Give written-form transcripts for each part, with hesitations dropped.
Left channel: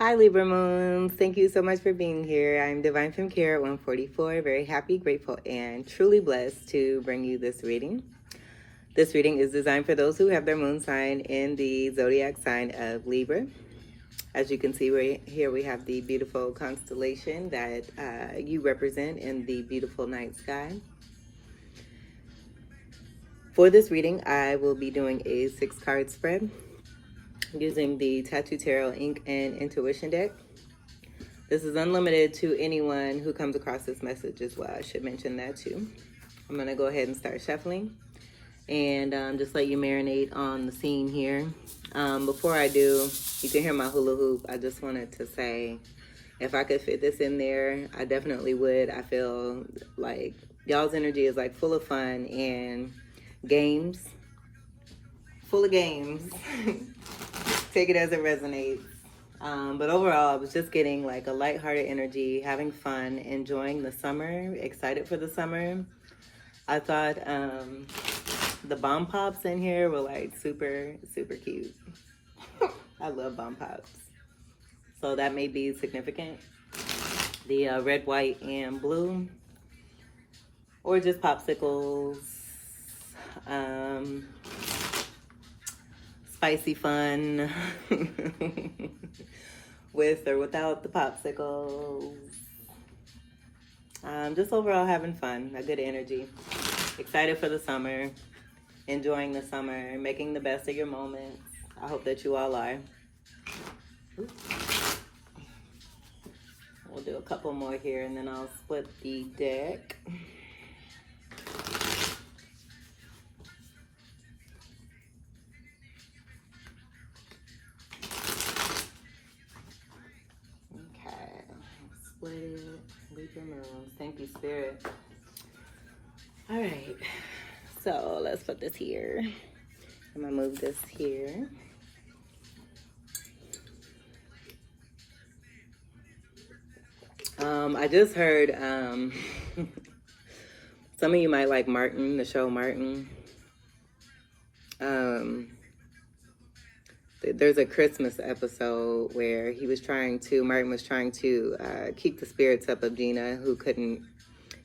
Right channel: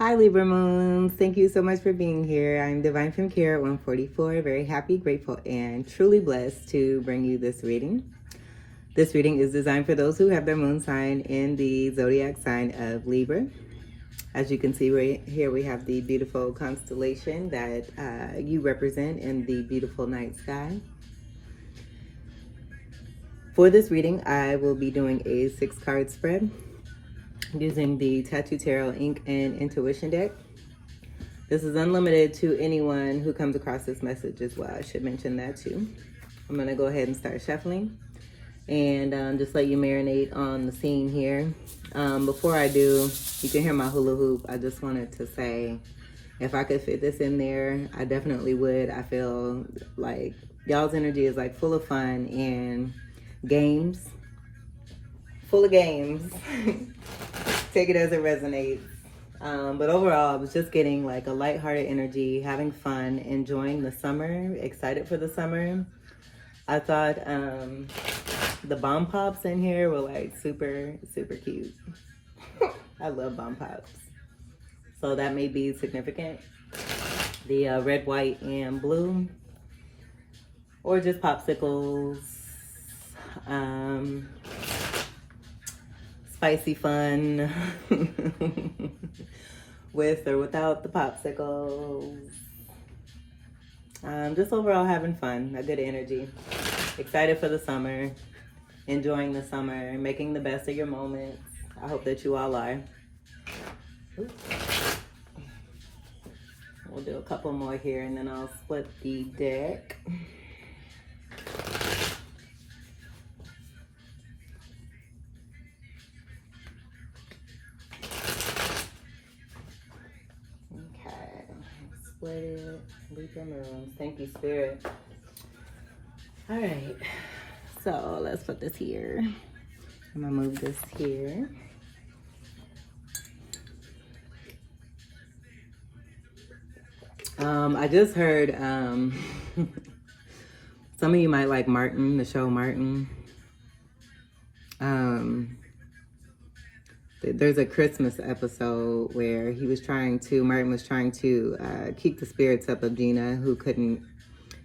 Hi, Libra Moons. Thank you so much for being here. I'm Divine from Care at 144. Very happy, grateful, and truly blessed to bring you this reading. This reading is designed for those who have their moon sign in the zodiac sign of Libra. As you can see right here, we have the beautiful constellation that you represent in the beautiful night sky. For this reading, I will be doing a 6-card spread using the Tattoo Tarot Ink and Intuition deck. This is unlimited to anyone who comes across this message as well. I should mention that too. I'm going to go ahead and start shuffling and just let you marinate on the scene here. Before I do, you can hear my hula hoop. I just wanted to say, if I could fit this in there, I definitely would. I feel like y'all's energy is like full of fun and games, full of games. Take it as it resonates. But overall, I was just getting like a lighthearted energy, having fun, enjoying the summer, excited for the summer. I thought the bomb pops in here were like super, super cute. I love bomb pops. So that may be significant. The red, white, and blue. Or just popsicles. Spicy fun with or without the popsicles. Just overall having fun, a good energy. Excited for the summer, enjoying the summer, making the best of your moments. I hope that you all are. We'll do a couple more here and then I'll split the deck. Split it, Libra Moons. Thank you, Spirit. All right, so let's put this here. I'm gonna move this here. I just heard some of you might like Martin, the show Martin. There's a Christmas episode where Martin was trying to keep the spirits up of Gina, who couldn't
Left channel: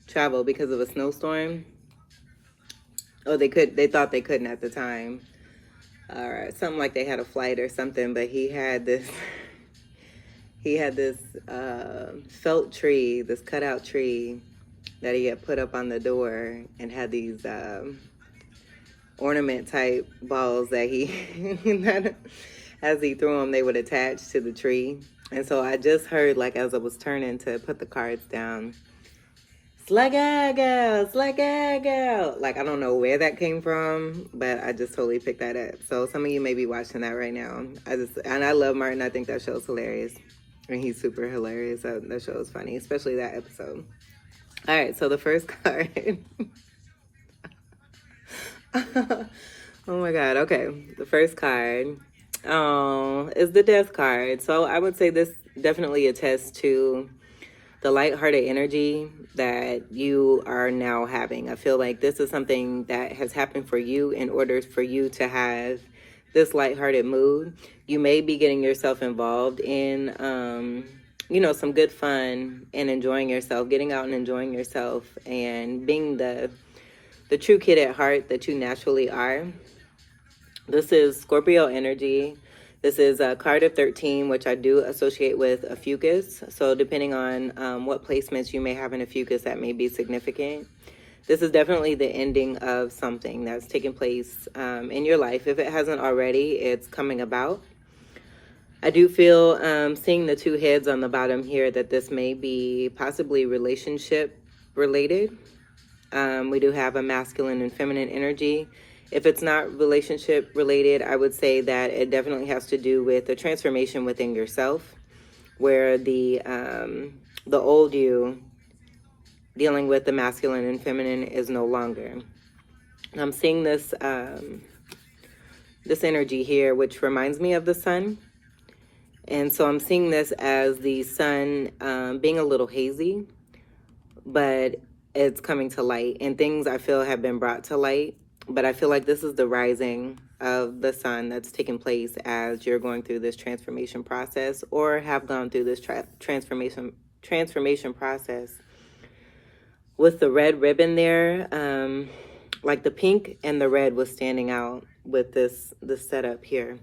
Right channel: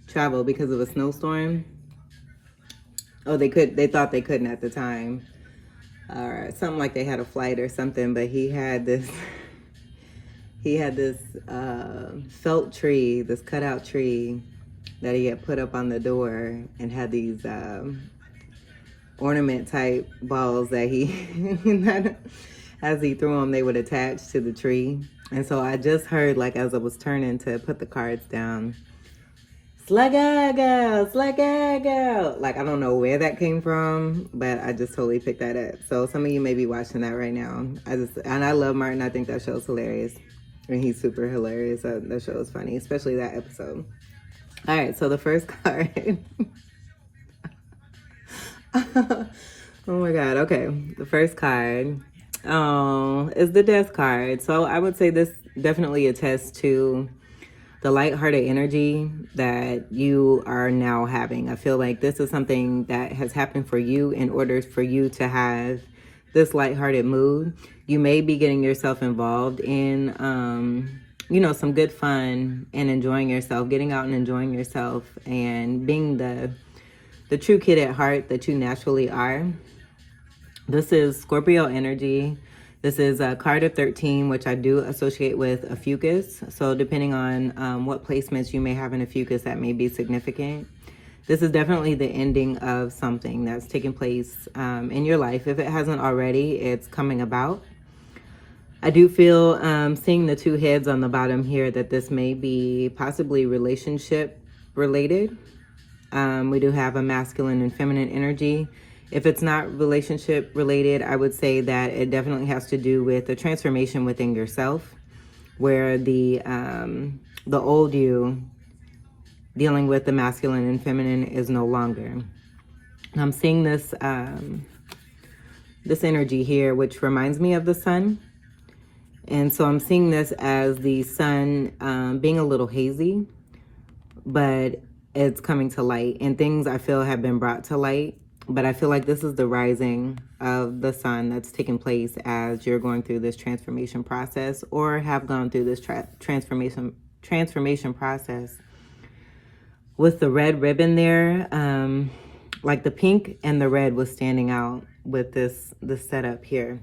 travel because of a snowstorm. Oh, they thought they couldn't at the time. Or something like they had a flight or something, but he had this felt tree, this cutout tree that he had put up on the door and had these ornament type balls that he as he threw them, they would attach to the tree. And so I just heard, like, as I was turning to put the cards down, slagago, slagago. Like, I don't know where that came from, but I just totally picked that up. So some of you may be watching that right now. And I love Martin. I think that show's hilarious. And he's super hilarious. That show is funny, especially that episode. All right, so the first card. Oh my God. Okay. The first card is the Death card. So I would say this definitely attests to the lighthearted energy that you are now having. I feel like this is something that has happened for you in order for you to have this lighthearted mood. You may be getting yourself involved in, some good fun and enjoying yourself, getting out and enjoying yourself and being the true kid at heart that you naturally are. This is Scorpio energy. This is a card of 13, which I do associate with a fucus. So depending on what placements you may have in a fucus, that may be significant. This is definitely the ending of something that's taken place in your life. If it hasn't already, it's coming about. I do feel, seeing the two heads on the bottom here, that this may be possibly relationship related. We do have a masculine and feminine energy. If it's not relationship related, I would say that it definitely has to do with the transformation within yourself, where the old you dealing with the masculine and feminine is no longer. I'm seeing this energy here, which reminds me of the sun. And so I'm seeing this as the sun being a little hazy, but it's coming to light, and things I feel have been brought to light. but I feel like this is the rising of the sun that's taking place as you're going through this transformation process, or have gone through this transformation process. With the red ribbon there, like the pink and the red was standing out with this setup here.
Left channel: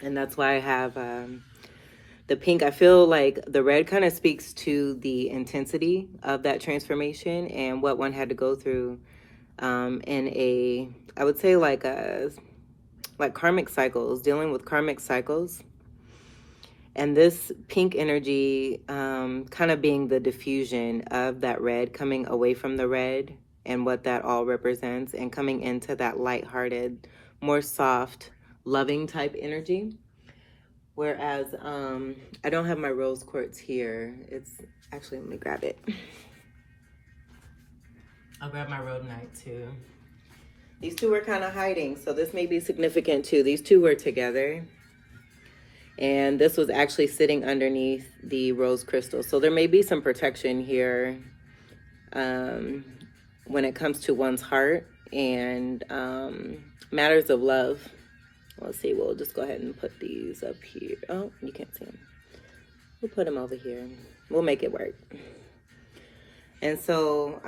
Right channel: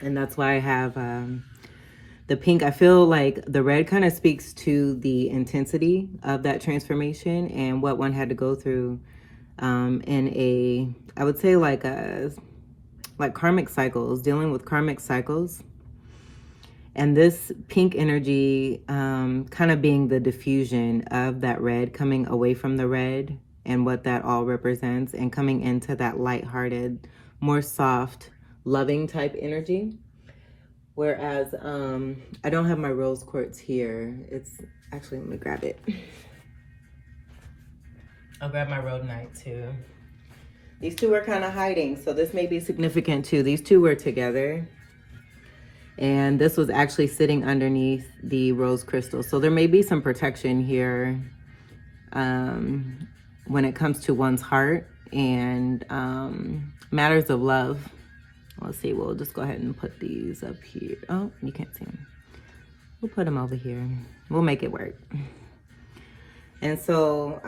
And that's why I have the pink. I feel like the red kind of speaks to the intensity of that transformation and what one had to go through in a, I would say like karmic cycles, dealing with karmic cycles. And this pink energy kind of being the diffusion of that red, coming away from the red and what that all represents, and coming into that lighthearted, more soft, loving type energy. Whereas I don't have my rose quartz here. It's actually, let me grab it. I'll grab my rhodonite too. These two are kind of hiding, so this may be significant too. These two were together, and this was actually sitting underneath the rose crystal. So there may be some protection here when it comes to one's heart and matters of love. Let's see, we'll just go ahead and put these up here. Oh, you can't see them. We'll put them over here. We'll make it work. And so,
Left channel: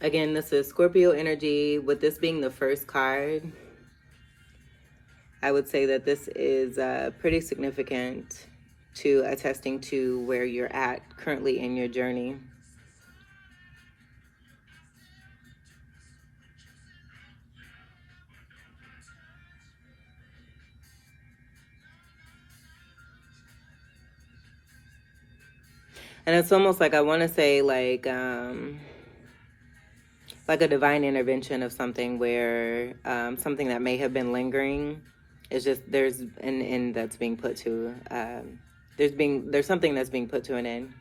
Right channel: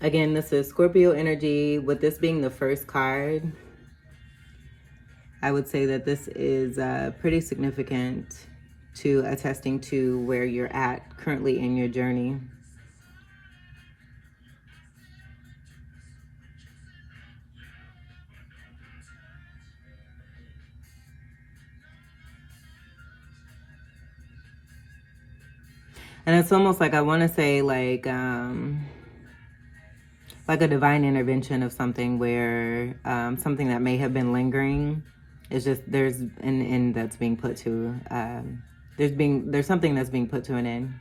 again, this is Scorpio energy. With this being the first card, I would say that this is pretty significant to attesting to where you're at currently in your journey. And it's almost like, I want to say like a divine intervention of something where something that may have been lingering is just, there's an end that's being put to, there's something that's being put to an end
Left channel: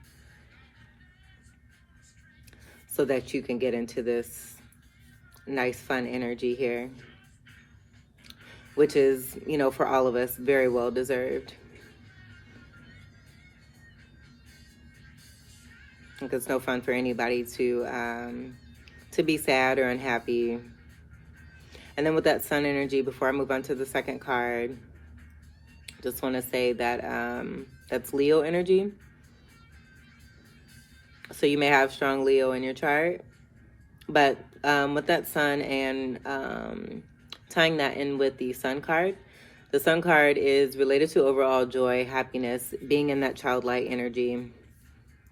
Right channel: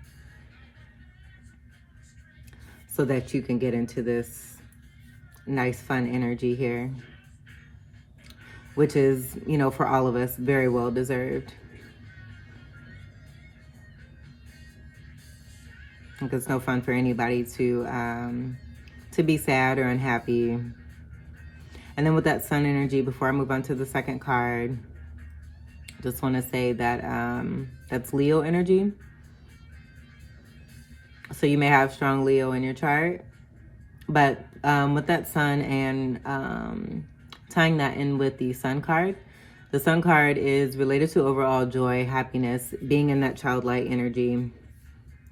so that you can get into this nice, fun energy here, which is, you know, for all of us, very well deserved. Because it's no fun for anybody to be sad or unhappy. And then with that sun energy, before I move on to the second card, just want to say that that's Leo energy. So you may have strong Leo in your chart, but with that sun and tying that in with the sun card, the sun card is related to overall joy, happiness, being in that childlike energy,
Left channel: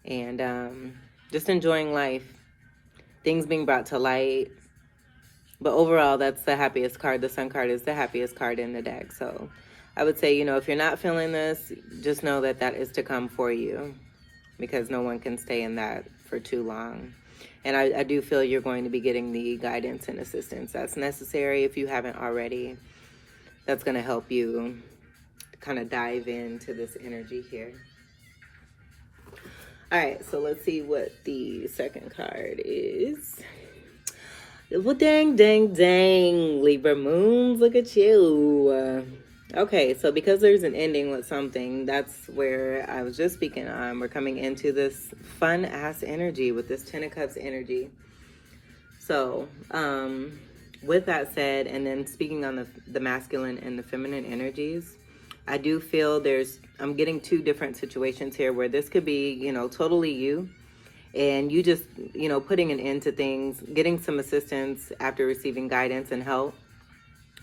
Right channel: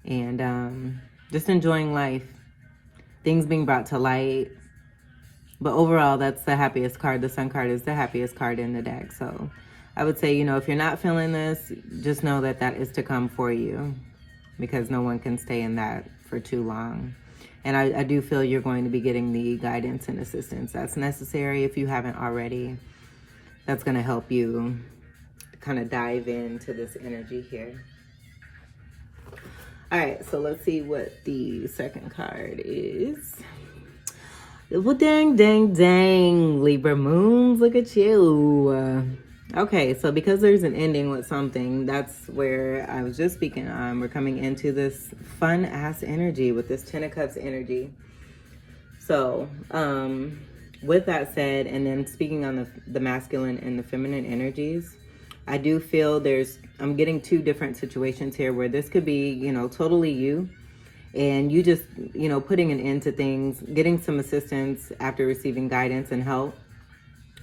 and just enjoying life, things being brought to light. But overall, that's the happiest card. The sun card is the happiest card in the deck. So I would say, you know, if you're not feeling this, just know that that is to come for you, because no one can stay in that for too long. And I do feel you're going to be getting the guidance and assistance that's necessary if you haven't already. That's going to help you kind of dive into this energy here. All right, so let's see what the second card is. Well, dang, dang, dang, Libra Moons, look at you. Okay, so because there's an ending with something, that's where I was just speaking on. We're coming into this fun-ass energy with this Ten of Cups energy. So, with that said, and then speaking on the masculine and the feminine energies, I do feel I'm getting two different situations here where this could be, you know, totally you, and you just, you know, putting an end to things, getting some assistance after receiving guidance and help,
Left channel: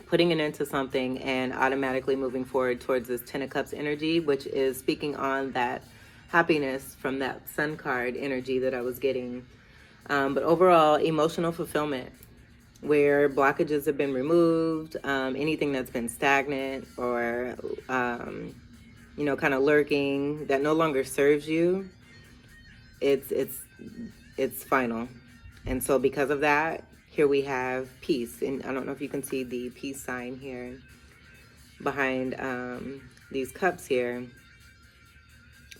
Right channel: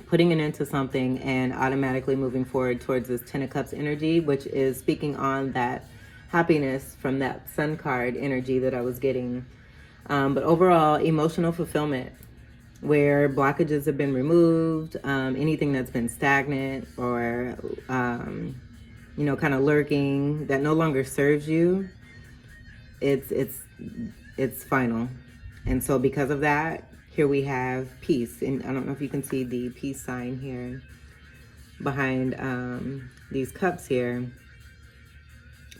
putting an end to something and automatically moving forward towards this Ten of Cups energy, which is speaking on that happiness from that sun card energy that I was getting. But overall, emotional fulfillment, where blockages have been removed, anything that's been stagnant or, you know, kind of lurking that no longer serves you, it's final. And so because of that, here we have peace. And I don't know if you can see the peace sign here behind these cups here,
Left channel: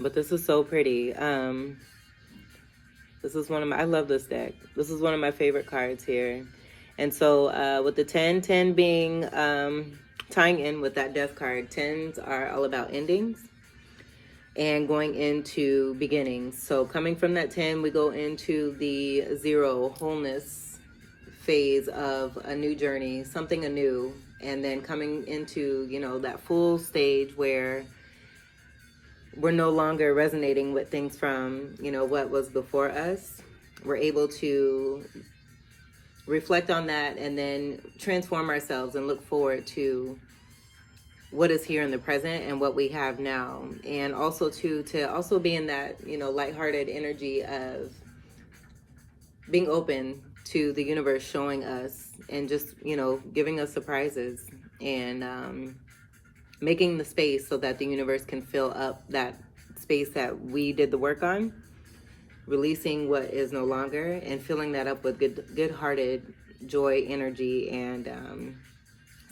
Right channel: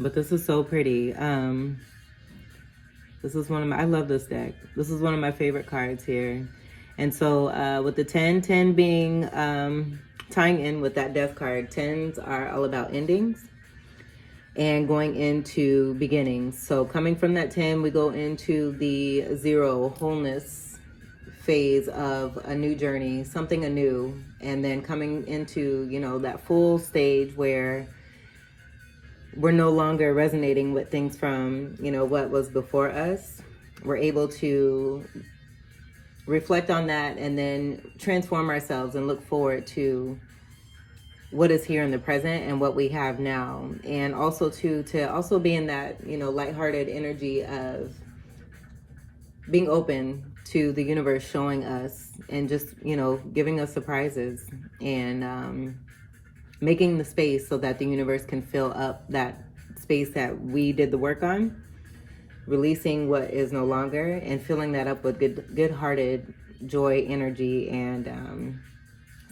but this is so pretty. This is I love this deck. This is one of my favorite cards here. And so with the 10 being tying in with that death card, 10s are all about endings and going into beginnings. So coming from that 10, we go into the 0, wholeness, phase of a new journey, something anew, and then coming into, you know, that full stage where we're no longer resonating with things from, you know, what was before us. We're able to reflect on that and then transform ourselves and look forward to what is here in the present and what we have now. And also to also be in that, you know, lighthearted energy of being open to the universe showing us and just, you know, giving us surprises and making the space so that the universe can fill up that space that we did the work on, releasing what is no longer and filling that up with good-hearted joy, energy, and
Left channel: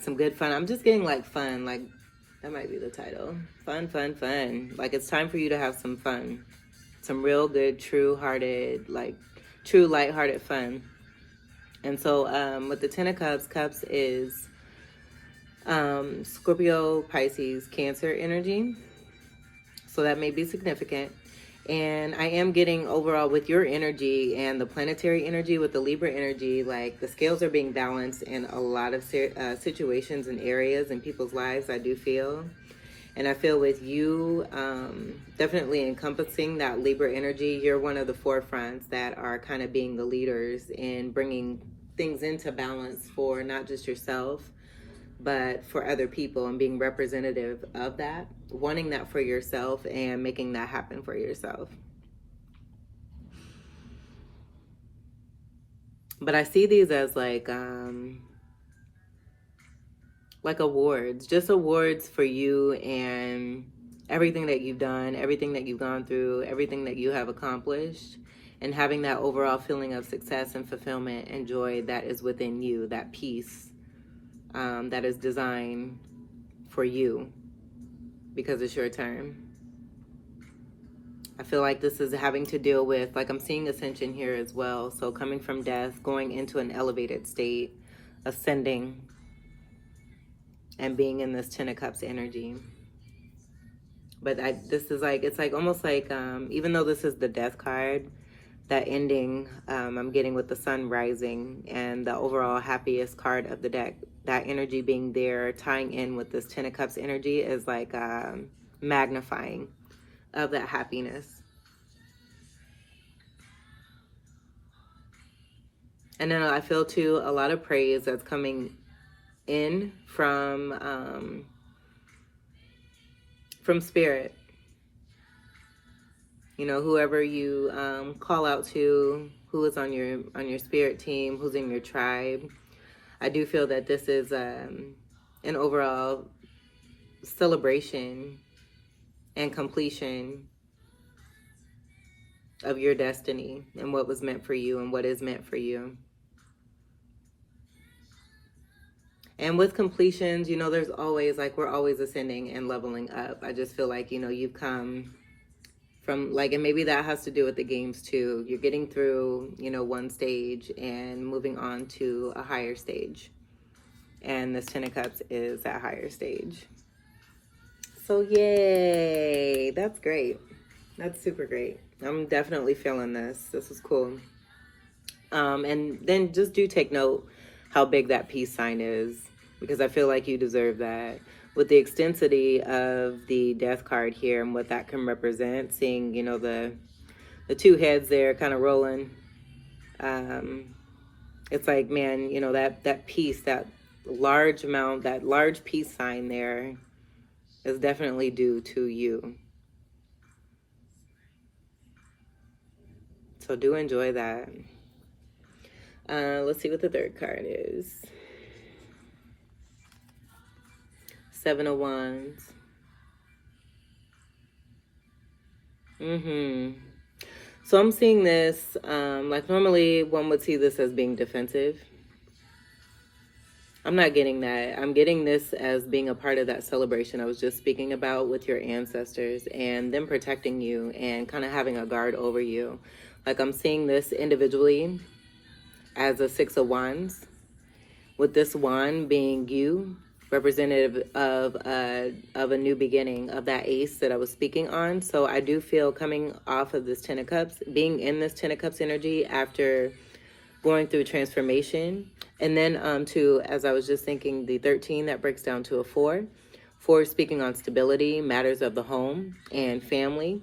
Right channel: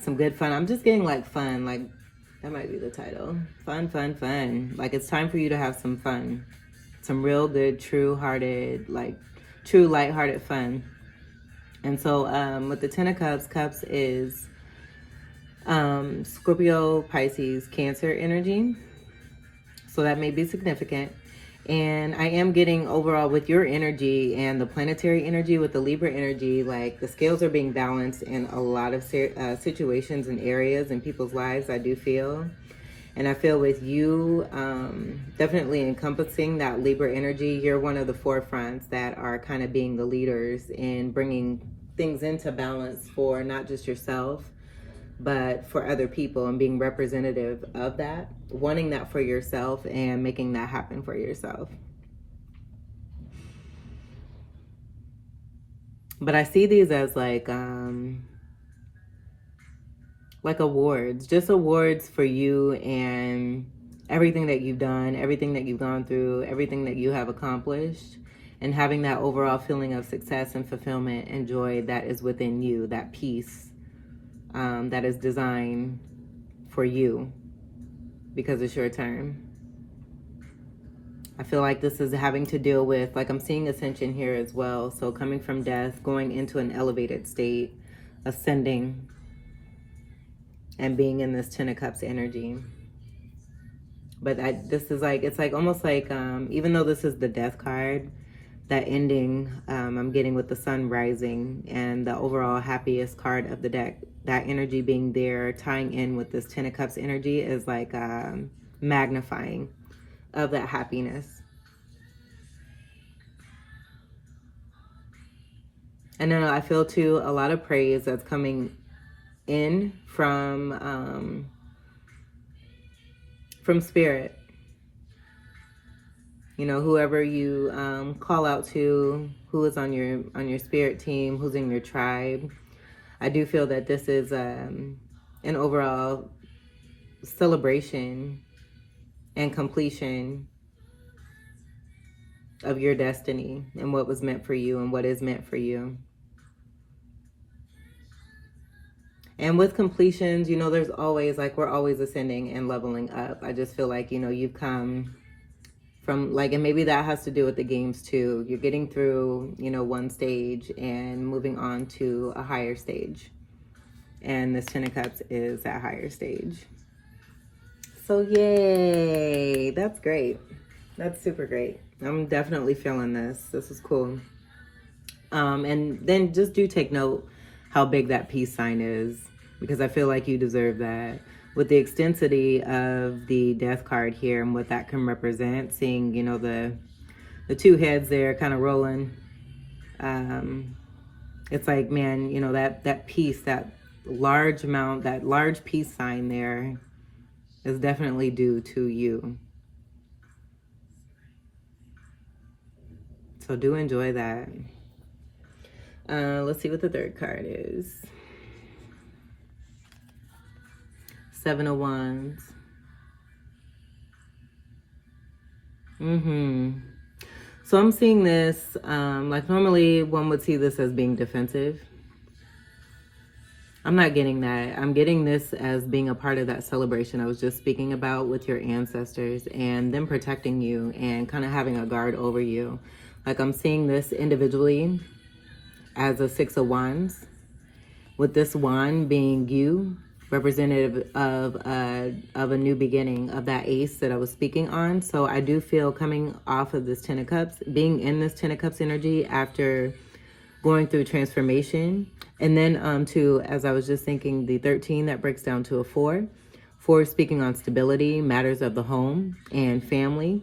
some good fun. I'm just getting like fun, like that might be the title. Fun, fun, fun. Like it's time for you to have some fun. Some real good, true-hearted, like true lighthearted fun. And so with the Ten of Cups, Cups is Scorpio, Pisces, Cancer energy. So that may be significant. And I am getting overall with your energy and the planetary energy with the Libra energy, like the scales are being balanced in a lot of situations and areas in people's lives, I do feel. And I feel with you definitely encompassing that Libra energy, you're one of the forefronts that are kind of being the leaders in bringing things into balance for not just yourself, but for other people and being representative of that, wanting that for yourself and making that happen for yourself. But I see these as like awards, just awards for you and everything that you've done, everything that you've gone through, everything that you have accomplished, and having that overall feeling of success and fulfillment and joy that is within you, that peace that is designed for you because it's your turn. I feel like this is having to deal with, like I'm seeing ascension here as well. So coming from death, going into an elevated state, ascending, and being in this Ten of Cups energy. But this is like, it's like almost like, even though this is the death card, that ending I'm getting with the sun rising and the overall happiest card of the deck, that energy being there, tying in with this Ten of Cups energy is like magnifying of that happiness. And then I feel too a lot of praise that's coming in from spirit. You know, whoever you call out to, who is on your spirit team, who's in your tribe. I do feel that this is an overall celebration and completion of your destiny and what was meant for you and what is meant for you. And with completions, you know, there's always, like, we're always ascending and leveling up. I just feel like, you know, you've come from, like, and maybe that has to do with the games too. You're getting through, you know, one stage and moving on to a higher stage. And this Ten of Cups is that higher stage. So yay, that's great. That's super great. I'm definitely feeling this. This is cool. And then just do take note how big that peace sign is, because I feel like you deserve that. With the extensity of the death card here and what that can represent, seeing, you know, the two heads there kind of rolling. It's like, man, you know, that peace, that large amount, that large peace sign there is definitely due to you. So do enjoy that. Let's see what the third card is. Seven of Wands. So I'm seeing this, like normally one would see this as being defensive. I'm not getting that. I'm getting this as being a part of that celebration I was just speaking about with your ancestors and them protecting you and kind of having a guard over you. Like I'm seeing this individually as a Six of Wands, with this wand being you, representative of a new beginning, of that ace that I was speaking on. So I do feel coming off of this Ten of Cups, being in this Ten of Cups energy after going through transformation. And then to, as I was just thinking, the 13, that breaks down to a 4. 4 speaking on stability, matters of the home and family.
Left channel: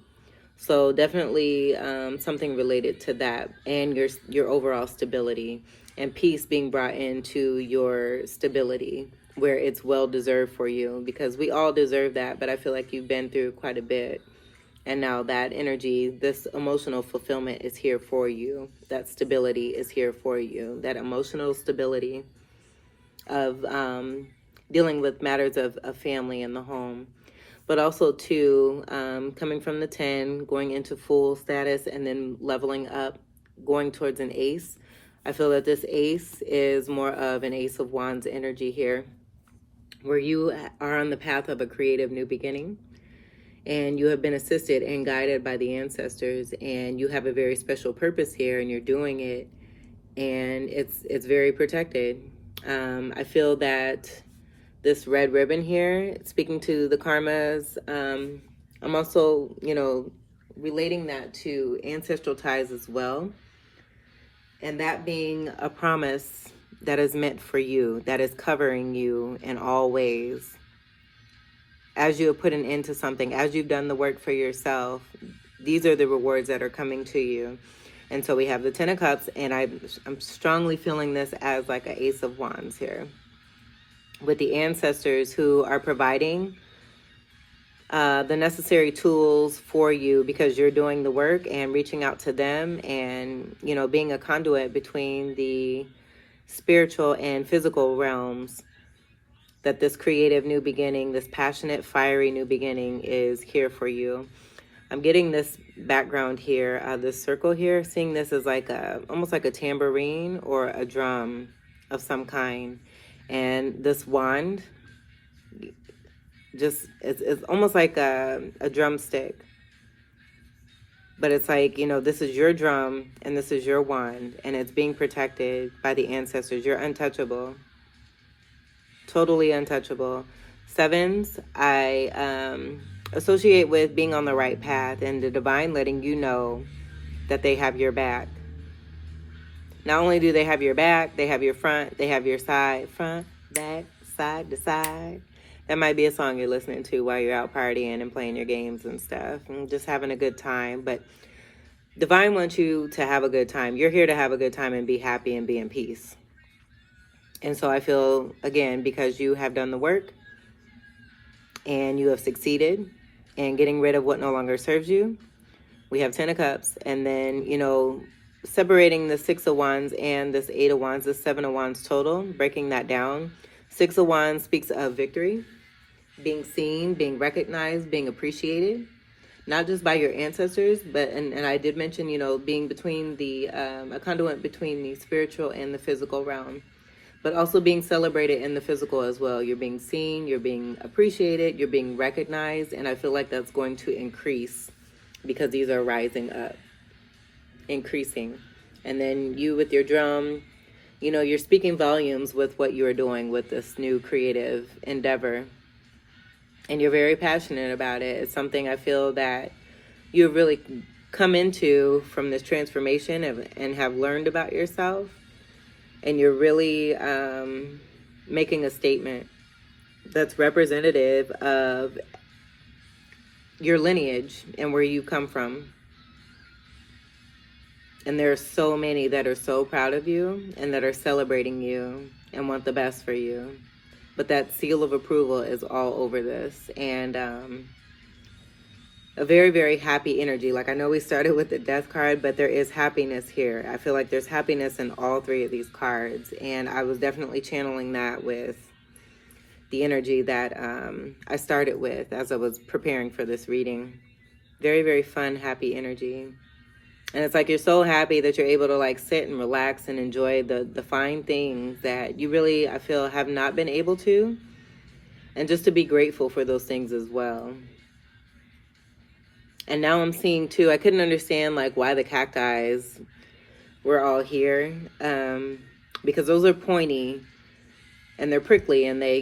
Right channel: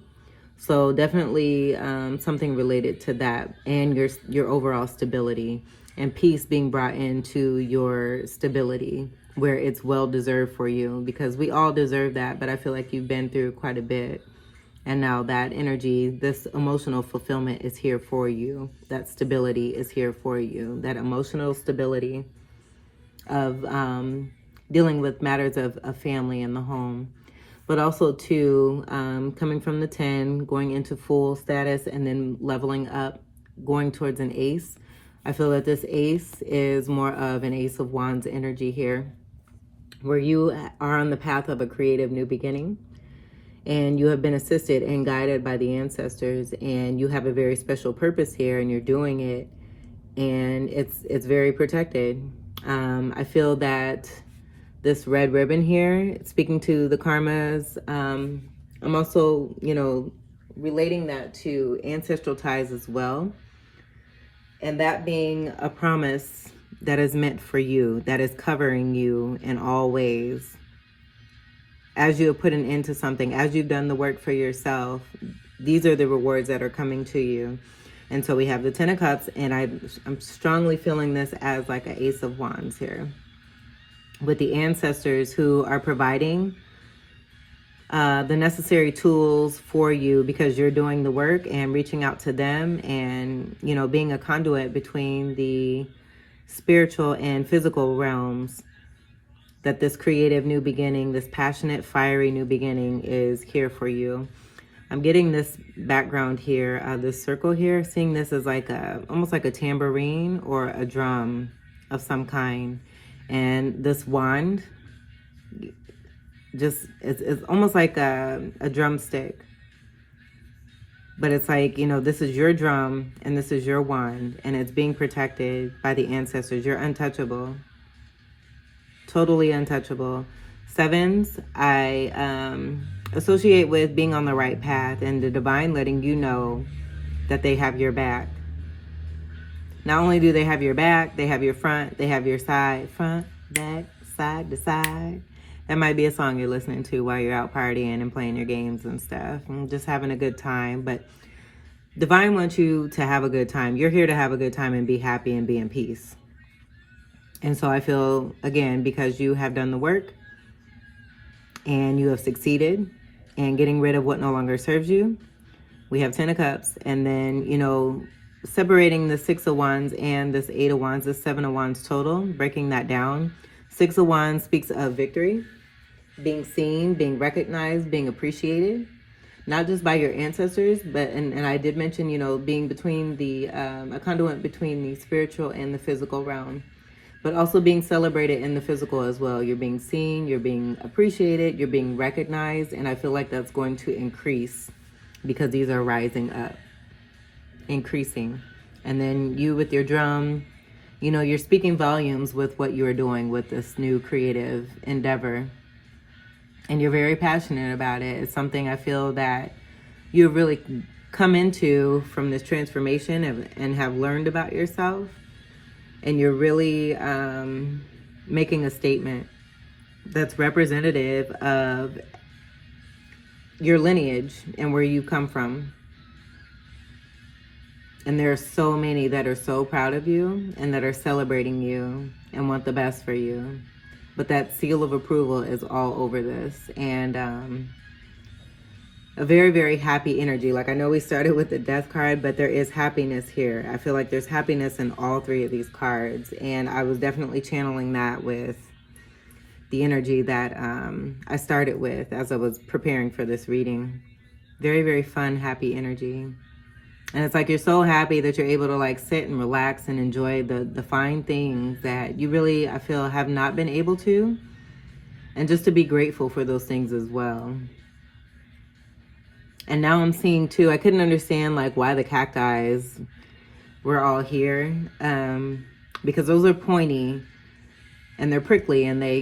So definitely something related to that and your overall stability, and peace being brought into your stability where it's well deserved for you, because we all deserve that. But I feel like you've been through quite a bit. And now that energy, this emotional fulfillment is here for you. That stability is here for you. That emotional stability of dealing with matters of family in the home. But also too, coming from the 10, going into full status and then leveling up, going towards an ace. I feel that this ace is more of an Ace of Wands energy here, where you are on the path of a creative new beginning. And you have been assisted and guided by the ancestors, and you have a very special purpose here, and you're doing it, and it's very protected. I feel that this red ribbon here, speaking to the karmas, I'm also, relating that to ancestral ties as well, and that being a promise that is meant for you, that is covering you in all ways. As you have put an end to something, as you've done the work for yourself, these are the rewards that are coming to you. And so we have the 10 of Cups, and I'm strongly feeling this as like an Ace of Wands here, with the ancestors who are providing the necessary tools for you, because you're doing the work and reaching out to them, and, being a conduit between the spiritual and physical realms. That this creative new beginning, this passionate, fiery new beginning is here for you. I'm getting this background here, this circle here, seeing this as like almost like a tambourine or a drum of some kind. And this wand, it's almost like a drumstick. But it's like, this is your drum and this is your wand, and it's being protected by the ancestors. You're untouchable. Totally untouchable. 7s, I associate with being on the right path, and the divine letting you know that they have your back. Not only do they have your back, they have your front, they have your side, front, back, side to side. That might be a song you're listening to while you're out partying and playing your games and stuff, and just having a good time. But divine wants you to have a good time. You're here to have a good time and be happy and be in peace. And so I feel, again, because you have done the work and you have succeeded in getting rid of what no longer serves you, we have 10 of Cups. And then, separating the 6 of Wands and this 8 of Wands, this 7 of Wands total, breaking that down. 6 of Wands speaks of victory, being seen, being recognized, being appreciated, not just by your ancestors, but, and I did mention, being between a conduit between the spiritual and the physical realm. But also being celebrated in the physical as well. You're being seen, you're being appreciated, you're being recognized, and I feel like that's going to increase because these are rising up, increasing. And then you with your drum, you're speaking volumes with what you're doing with this new creative endeavor. And you're very passionate about it. It's something I feel that you've really come into from this transformation and have learned about yourself. And you're really making a statement that's representative of your lineage and where you come from. And there are so many that are so proud of you and that are celebrating you and want the best for you. But that seal of approval is all over this. And a very, very happy energy. Like, I know we started with the Death card, but there is happiness here. I feel like there's happiness in all 3 of these cards. And I was definitely channeling that with the energy that I started with as I was preparing for this reading. Very, very fun, happy energy. And it's like you're so happy that you're able to like sit and relax and enjoy the fine things that you really, I feel, have not been able to. And just to be grateful for those things as well. And now I'm seeing too, I couldn't understand like why the cacti were all here, because those are pointy and they're prickly and they,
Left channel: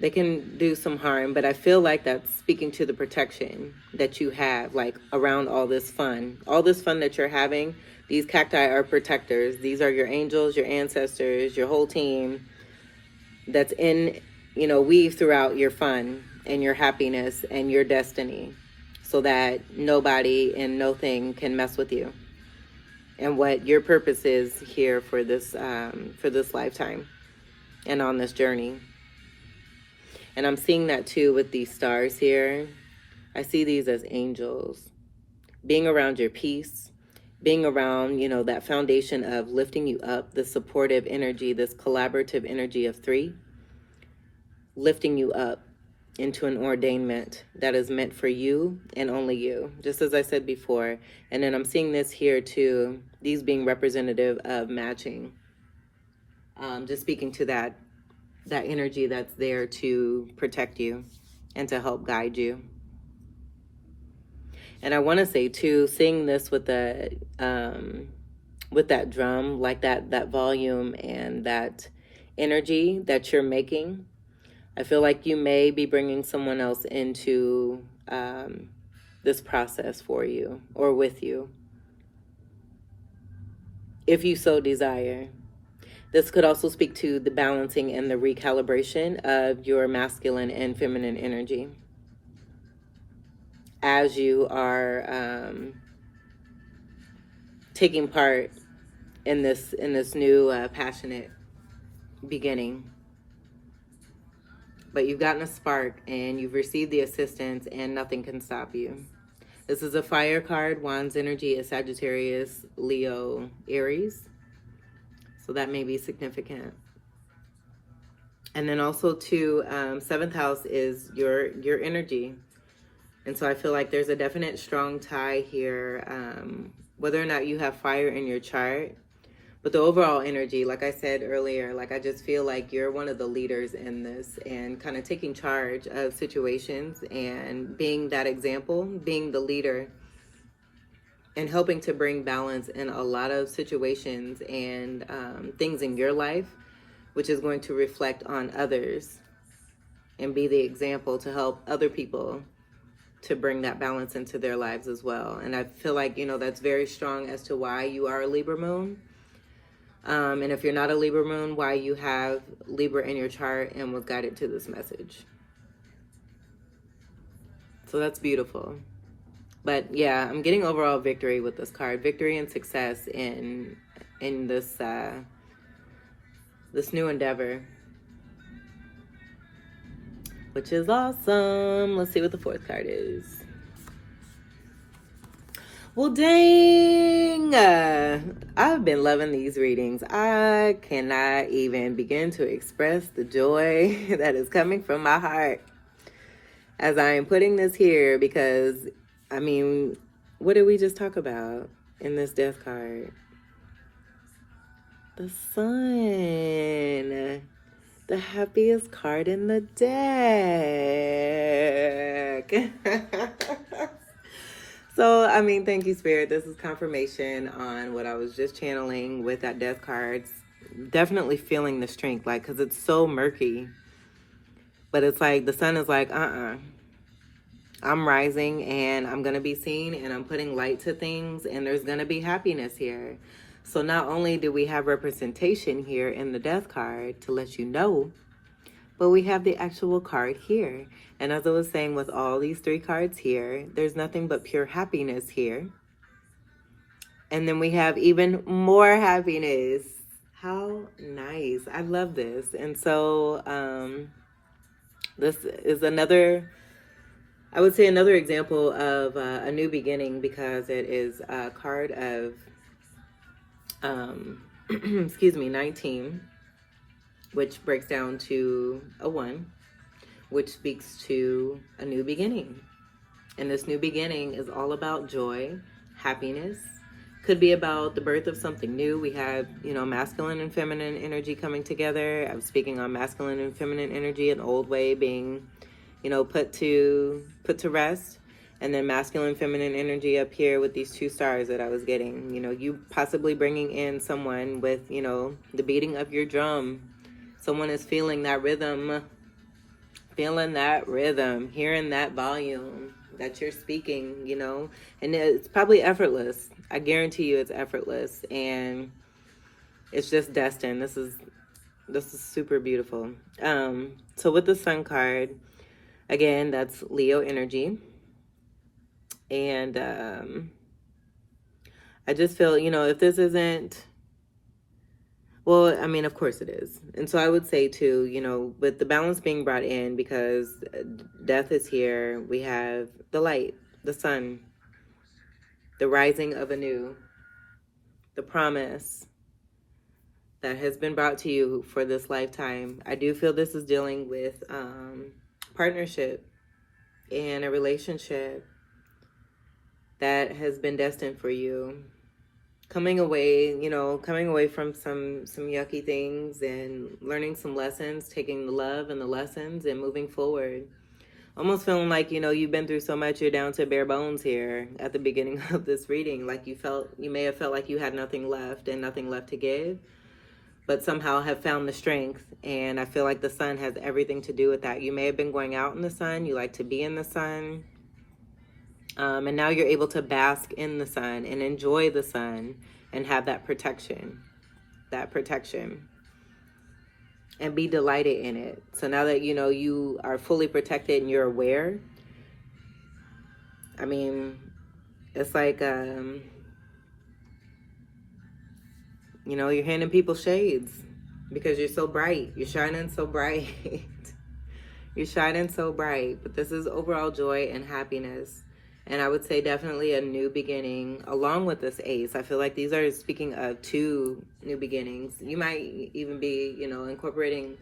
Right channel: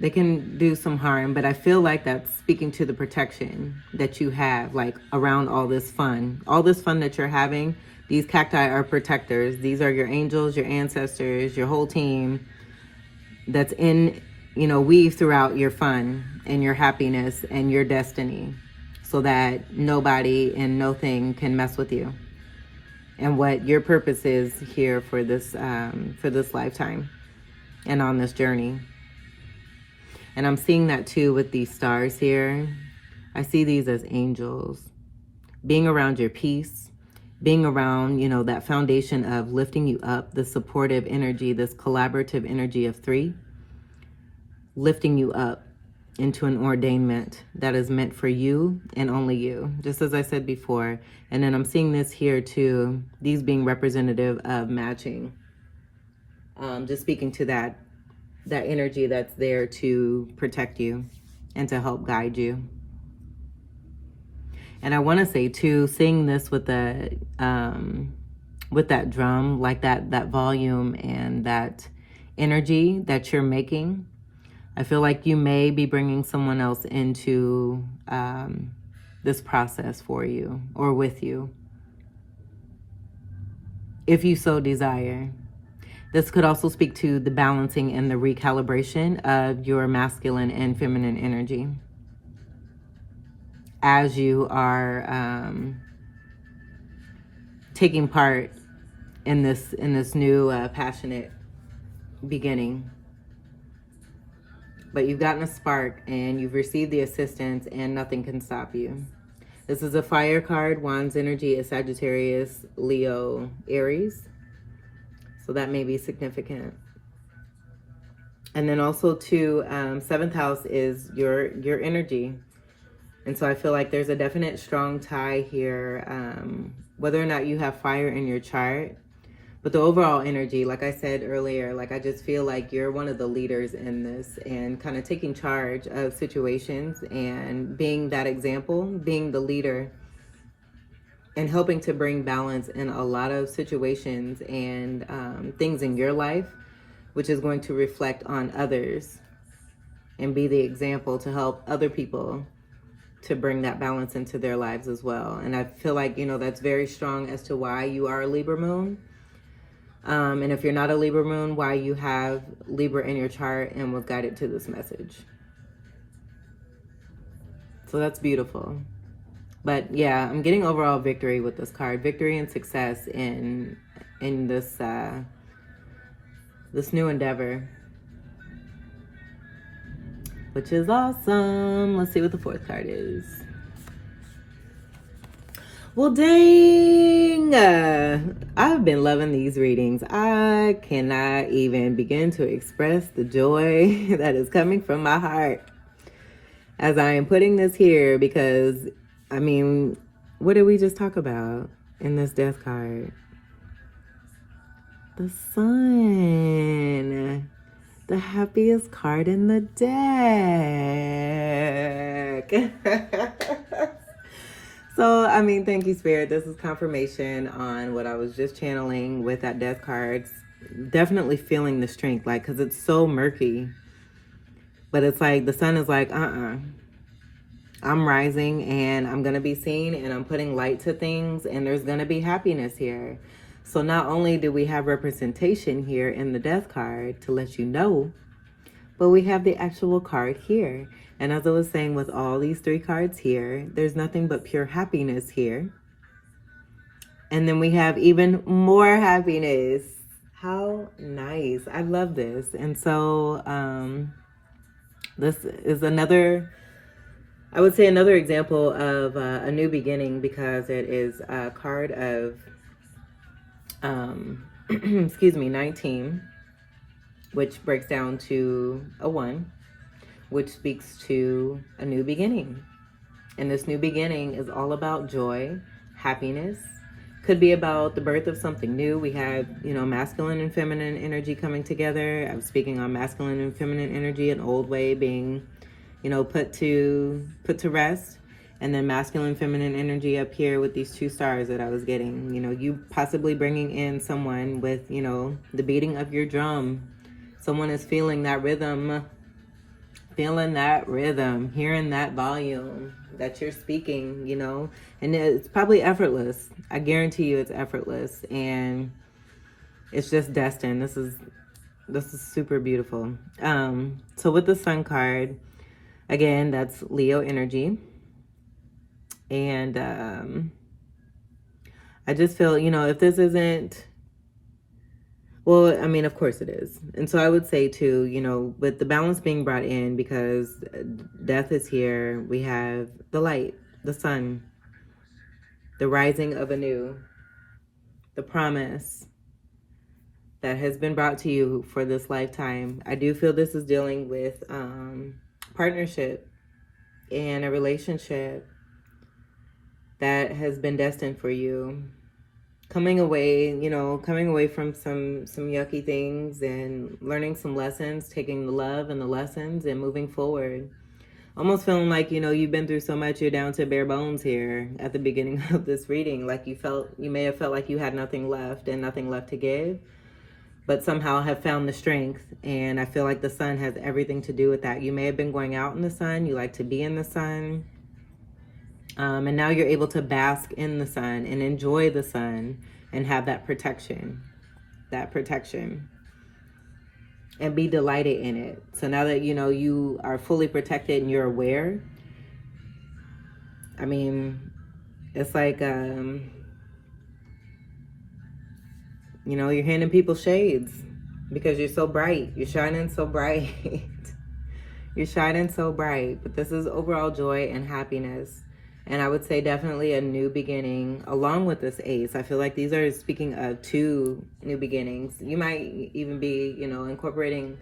they can do some harm. But I feel like that's speaking to the protection that you have, like around all this fun that you're having. These cacti are protectors. These are your angels, your ancestors, your whole team that's in, weave throughout your fun and your happiness and your destiny, so that nobody and no thing can mess with you and what your purpose is here for this lifetime and on this journey. And I'm seeing that too with these stars here. I see these as angels. Being around your peace, being around, that foundation of lifting you up, the supportive energy, this collaborative energy of 3, lifting you up into an ordainment that is meant for you and only you, just as I said before. And then I'm seeing this here too, these being representative of matching. Just speaking to that energy that's there to protect you and to help guide you. And I want to say too, seeing this with that drum, like that volume and that energy that you're making, I feel like you may be bringing someone else into this process for you or with you, if you so desire. This could also speak to the balancing and the recalibration of your masculine and feminine energy as you are taking part in this new passionate beginning. But you've gotten a spark and you've received the assistance, and nothing can stop you. This is a fire card. Wands energy is Sagittarius, Leo, Aries. So that may be significant. And then also too, 7th house is your energy. And so I feel like there's a definite strong tie here, whether or not you have fire in your chart. But the overall energy, like I said earlier, like I just feel like you're one of the leaders in this and kind of taking charge of situations and being that example, being the leader and helping to bring balance in a lot of situations and things in your life, which is going to reflect on others and be the example to help other people to bring that balance into their lives as well. And I feel like, that's very strong as to why you are a Libra moon. And if you're not a Libra moon, why you have Libra in your chart and was guided to this message. So that's beautiful. But yeah, I'm getting overall victory with this card. Victory and success in this this new endeavor, which is awesome. Let's see what the 4th card is. Well, dang, I've been loving these readings. I cannot even begin to express the joy that is coming from my heart as I am putting this here, because, I mean, what did we just talk about in this death card? The Sun, the happiest card in the deck. So, I mean, thank you, Spirit. This is confirmation on what I was just channeling with that death card. Definitely feeling the strength, like, because it's so murky. But it's like the sun is like, I'm rising and I'm going to be seen and I'm putting light to things and there's going to be happiness here. So not only do we have representation here in the death card to let you know, but we have the actual card here. And as I was saying, with all these 3 cards here, there's nothing but pure happiness here. And then we have even more happiness. How nice. I love this. And so this is another, I would say another example of a new beginning, because it is a card of, 19, which breaks down to a 1. Which speaks to a new beginning. And this new beginning is all about joy, happiness. Could be about the birth of something new. We have, masculine and feminine energy coming together. I'm speaking on masculine and feminine energy, an old way being, put to rest. And then masculine, feminine energy up here with these 2 stars that I was getting. You possibly bringing in someone with, the beating of your drum. Someone is feeling that rhythm, feeling that rhythm, hearing that volume that you're speaking, you know, and it's probably effortless. I guarantee you it's effortless, and it's just destined. This is super beautiful. So with the Sun card, again, that's Leo energy. And I just feel, you know, if this isn't, well, I mean, of course it is. And so I would say too, you know, with the balance being brought in, because death is here, we have the light, the sun, the rising of a new, the promise that has been brought to you for this lifetime. I do feel this is dealing with partnership and a relationship that has been destined for you. Coming away, you know, coming away from some yucky things and learning some lessons, taking the love and the lessons and moving forward. Almost feeling like, you know, you've been through so much, you're down to bare bones here at the beginning of this reading. Like you may have felt like you had nothing left and nothing left to give, but somehow have found the strength. And I feel like the sun has everything to do with that. You may have been going out in the sun. You like to be in the sun. And now you're able to bask in the sun and enjoy the sun and have that protection, and be delighted in it. So now that, you know, you are fully protected and you're aware, I mean, it's like, you know, you're handing people shades because you're so bright. You're shining so bright. You're shining so bright. But this is overall joy and happiness. And I would say definitely a new beginning along with this ace. I feel like these are speaking of two new beginnings. You might even be, you know, incorporating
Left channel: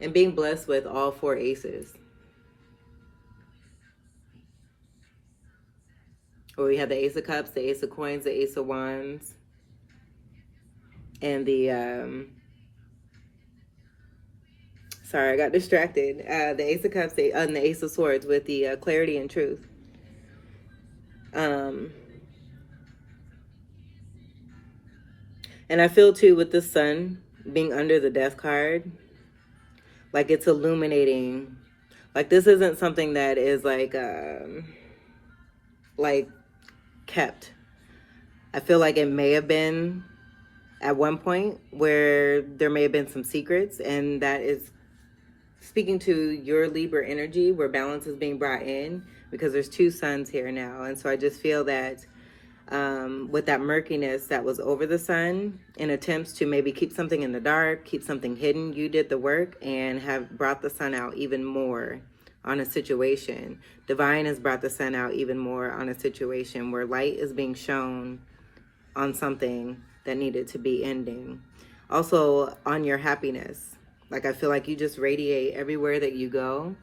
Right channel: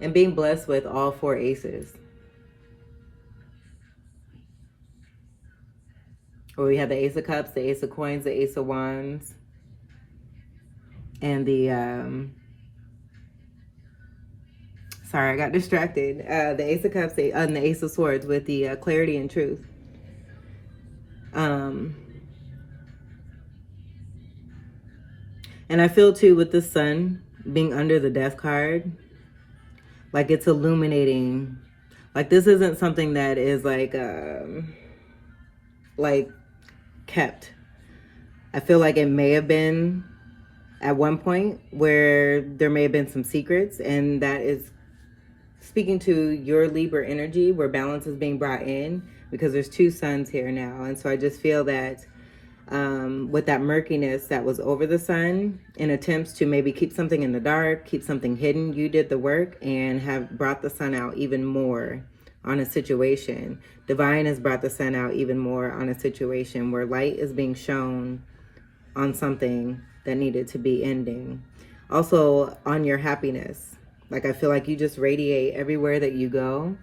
and being blessed with all four aces. Or we have the Ace of Cups, the Ace of Coins, the Ace of Wands, and the, sorry, I got distracted. The Ace of Cups and the Ace of Swords with the clarity and truth. And I feel too with the sun being under the death card, like it's illuminating. Like this isn't something that is like kept. I feel like it may have been at one point where there may have been some secrets, and that is speaking to your Libra energy where balance is being brought in, because there's two suns here now. And so I just feel that with that murkiness that was over the sun, in attempts to maybe keep something in the dark, keep something hidden, you did the work and have brought the sun out even more on a situation. Divine has brought the sun out even more on a situation where light is being shown on something that needed to be ending. Also on your happiness. Like I feel like you just radiate everywhere that you go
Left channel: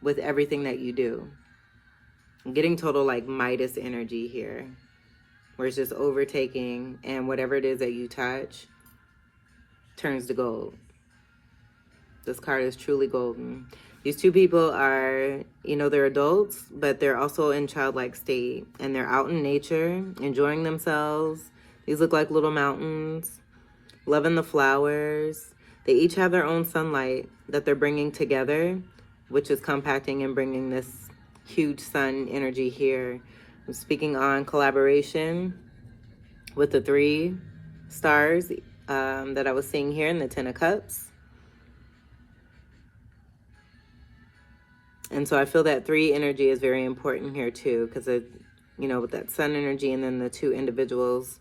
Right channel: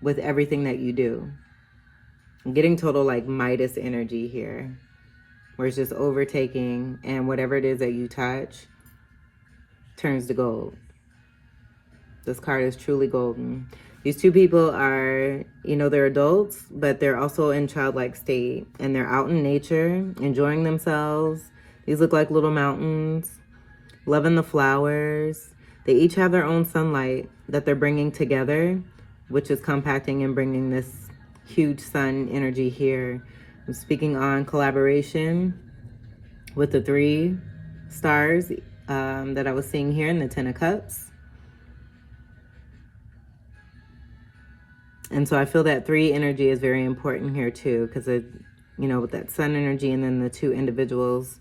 with everything that you do. I'm getting total like Midas energy here, where it's just overtaking, and whatever it is that you touch turns to gold. This card is truly golden. These two people are, you know, they're adults, but they're also in childlike state, and they're out in nature, enjoying themselves. These look like little mountains, loving the flowers. They each have their own sunlight that they're bringing together, which is compacting and bringing this huge sun energy here. I'm speaking on collaboration with the 3 stars that I was seeing here in the 10 of Cups. And so I feel that 3 energy is very important here too, because it, you know, with that sun energy and then the 2 individuals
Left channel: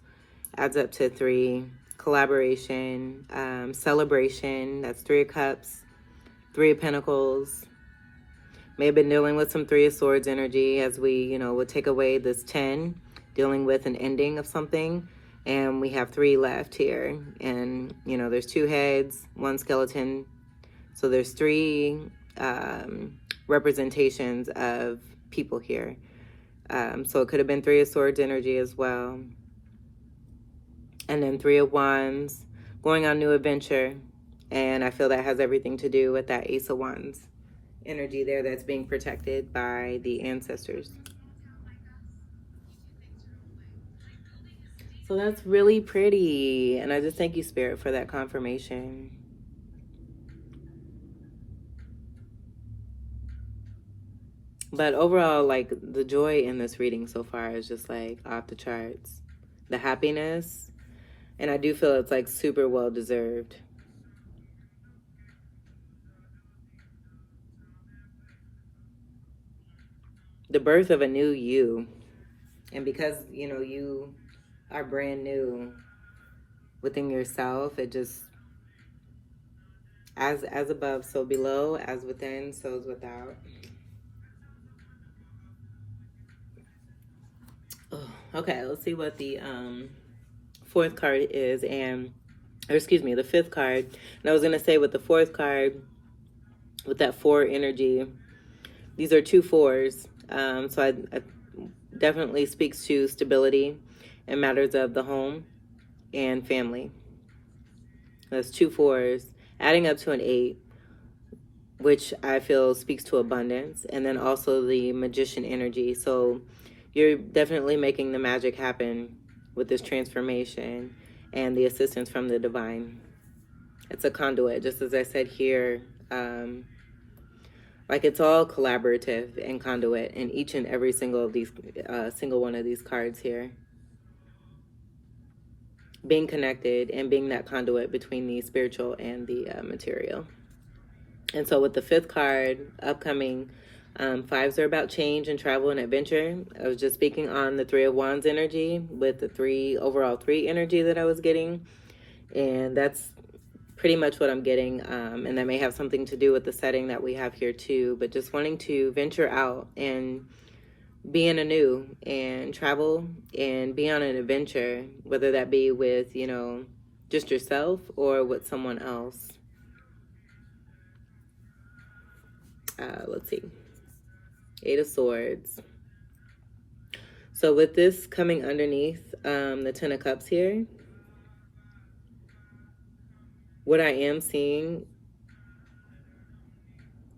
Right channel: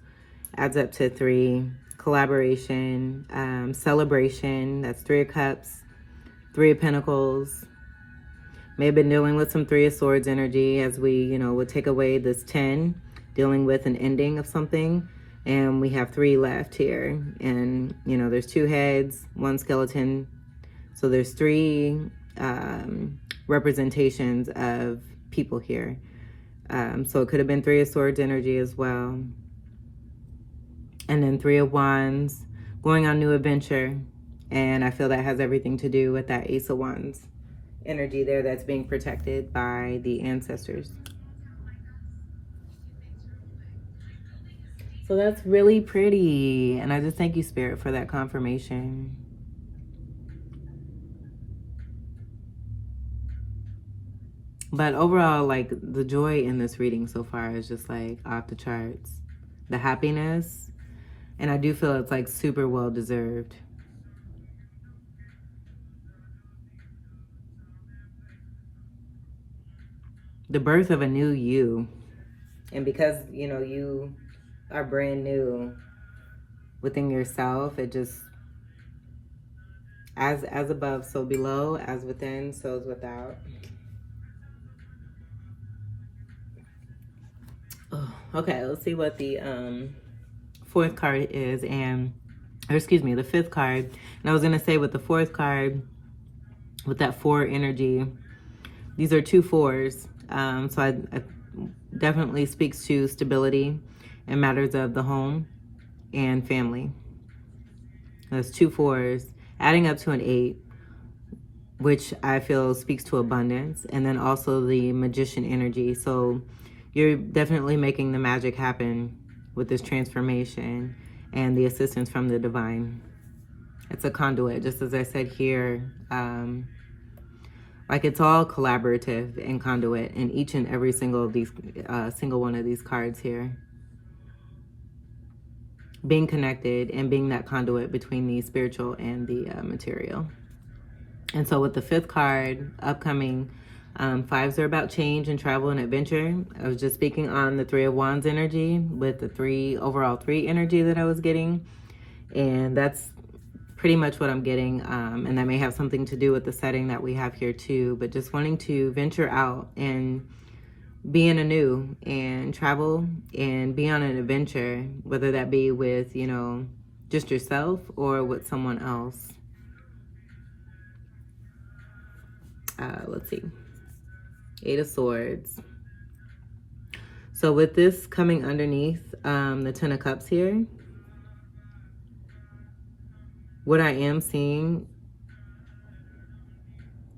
adds up to 3. Collaboration, celebration, that's 3 of Cups, 3 of Pentacles. May have been dealing with some 3 of Swords energy as we, you know, would take away this 10, dealing with an ending of something. And we have 3 left here. And, you know, there's 2 heads, 1 skeleton. So there's 3 representations of people here. So it could have been 3 of Swords energy as well. And then 3 of Wands, going on new adventure. And I feel that has everything to do with that Ace of Wands energy there that's being protected by the ancestors. So that's really pretty. And I just thank you, Spirit, for that confirmation. But overall, like, the joy in this reading so far is just like off the charts. The happiness, and I do feel it's like super well deserved. The birth of a new you. And because, you know, you are brand new within yourself, it just, as above, so below, as within, so is without. Oh, okay, let's see what the fourth card is, or excuse me, the fifth card. And I was gonna say with the fourth card, with that 4 energy, these are 2 4s. So I definitely speaks to stability and matters of the home and family. That's 2 4s, adding up to an 8, which I feel speaks to abundance, and then also the magician energy. So you're definitely making the magic happen with this transformation and the assistance from the divine. It's a conduit, just as I said here. Like, it's all collaborative and conduit in each and every single of these, single one of these cards here. Being connected and being that conduit between the spiritual and the material. And so with the fifth card, upcoming, 5s are about change and travel and adventure. I was just speaking on the 3 of Wands energy with the overall 3 energy that I was getting. And that's pretty much what I'm getting. And that may have something to do with the setting that we have here too, but just wanting to venture out and be in anew and travel and be on an adventure, whether that be with, you know, just yourself or with someone else. Let's see. 8 of Swords. So with this coming underneath the 10 of Cups here, what I am seeing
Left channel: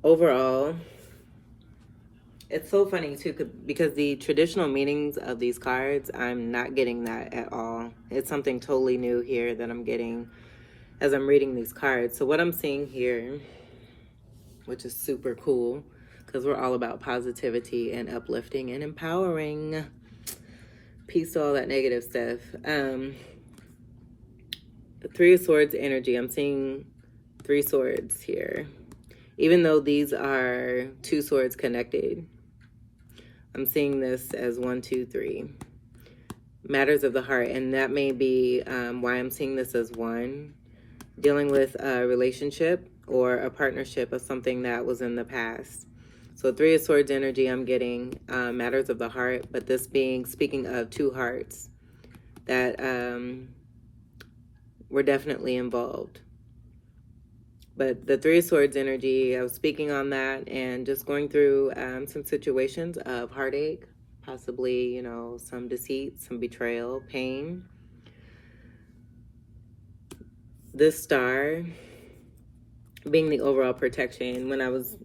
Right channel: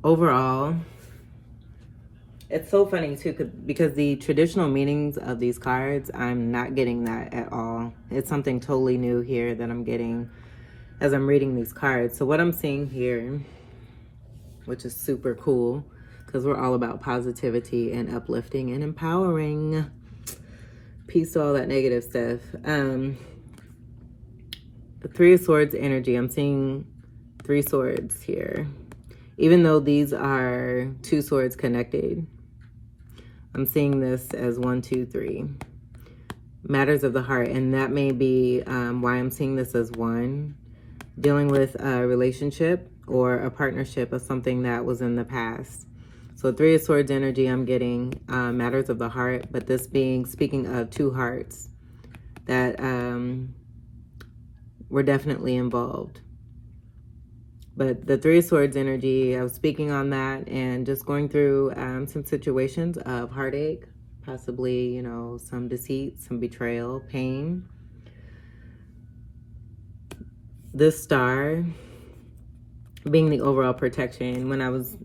overall, it's so funny too, because the traditional meanings of these cards, I'm not getting that at all. It's something totally new here that I'm getting as I'm reading these cards. So what I'm seeing here, which is super cool, because we're all about positivity and uplifting and empowering. Peace to all that negative stuff. The 3 of Swords energy, I'm seeing 3 swords here. Even though these are 2 swords connected, I'm seeing this as 1, 2, 3. Matters of the heart, and that may be why I'm seeing this as 1. Dealing with a relationship or a partnership of something that was in the past. So 3 of Swords energy, I'm getting matters of the heart, but this being, speaking of 2 hearts that were definitely involved. But the 3 of Swords energy, I was speaking on that and just going through some situations of heartache, possibly, you know, some deceit, some betrayal, pain. This star being the overall protection. When I was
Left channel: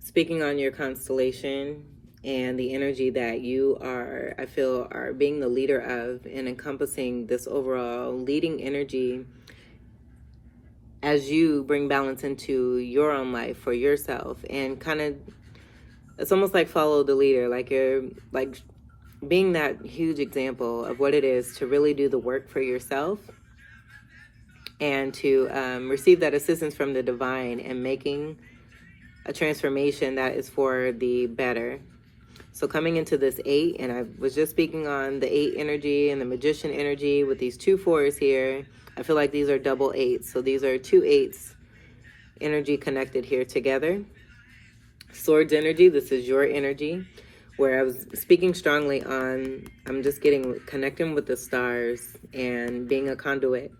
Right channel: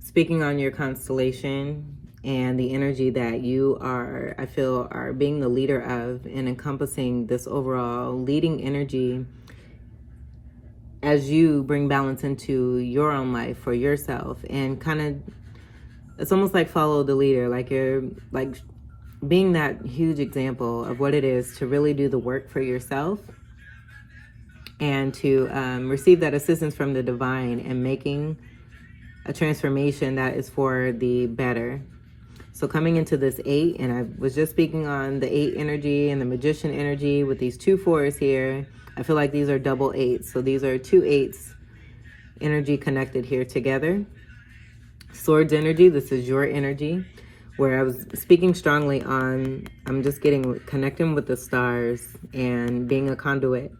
speaking on your constellation and the energy that you are, I feel, are being the leader of and encompassing this overall leading energy as you bring balance into your own life for yourself, and kind of, it's almost like follow the leader, like you're like being that huge example of what it is to really do the work for yourself and to receive that assistance from the divine and making a transformation that is for the better. So coming into this 8, and I was just speaking on the 8 energy and the magician energy with these 2 4s here. I feel like these are double 8s. So these are 2 8s energy connected here together. Swords energy, this is your energy, where I was speaking strongly on, I'm just getting connecting with the stars and being a conduit.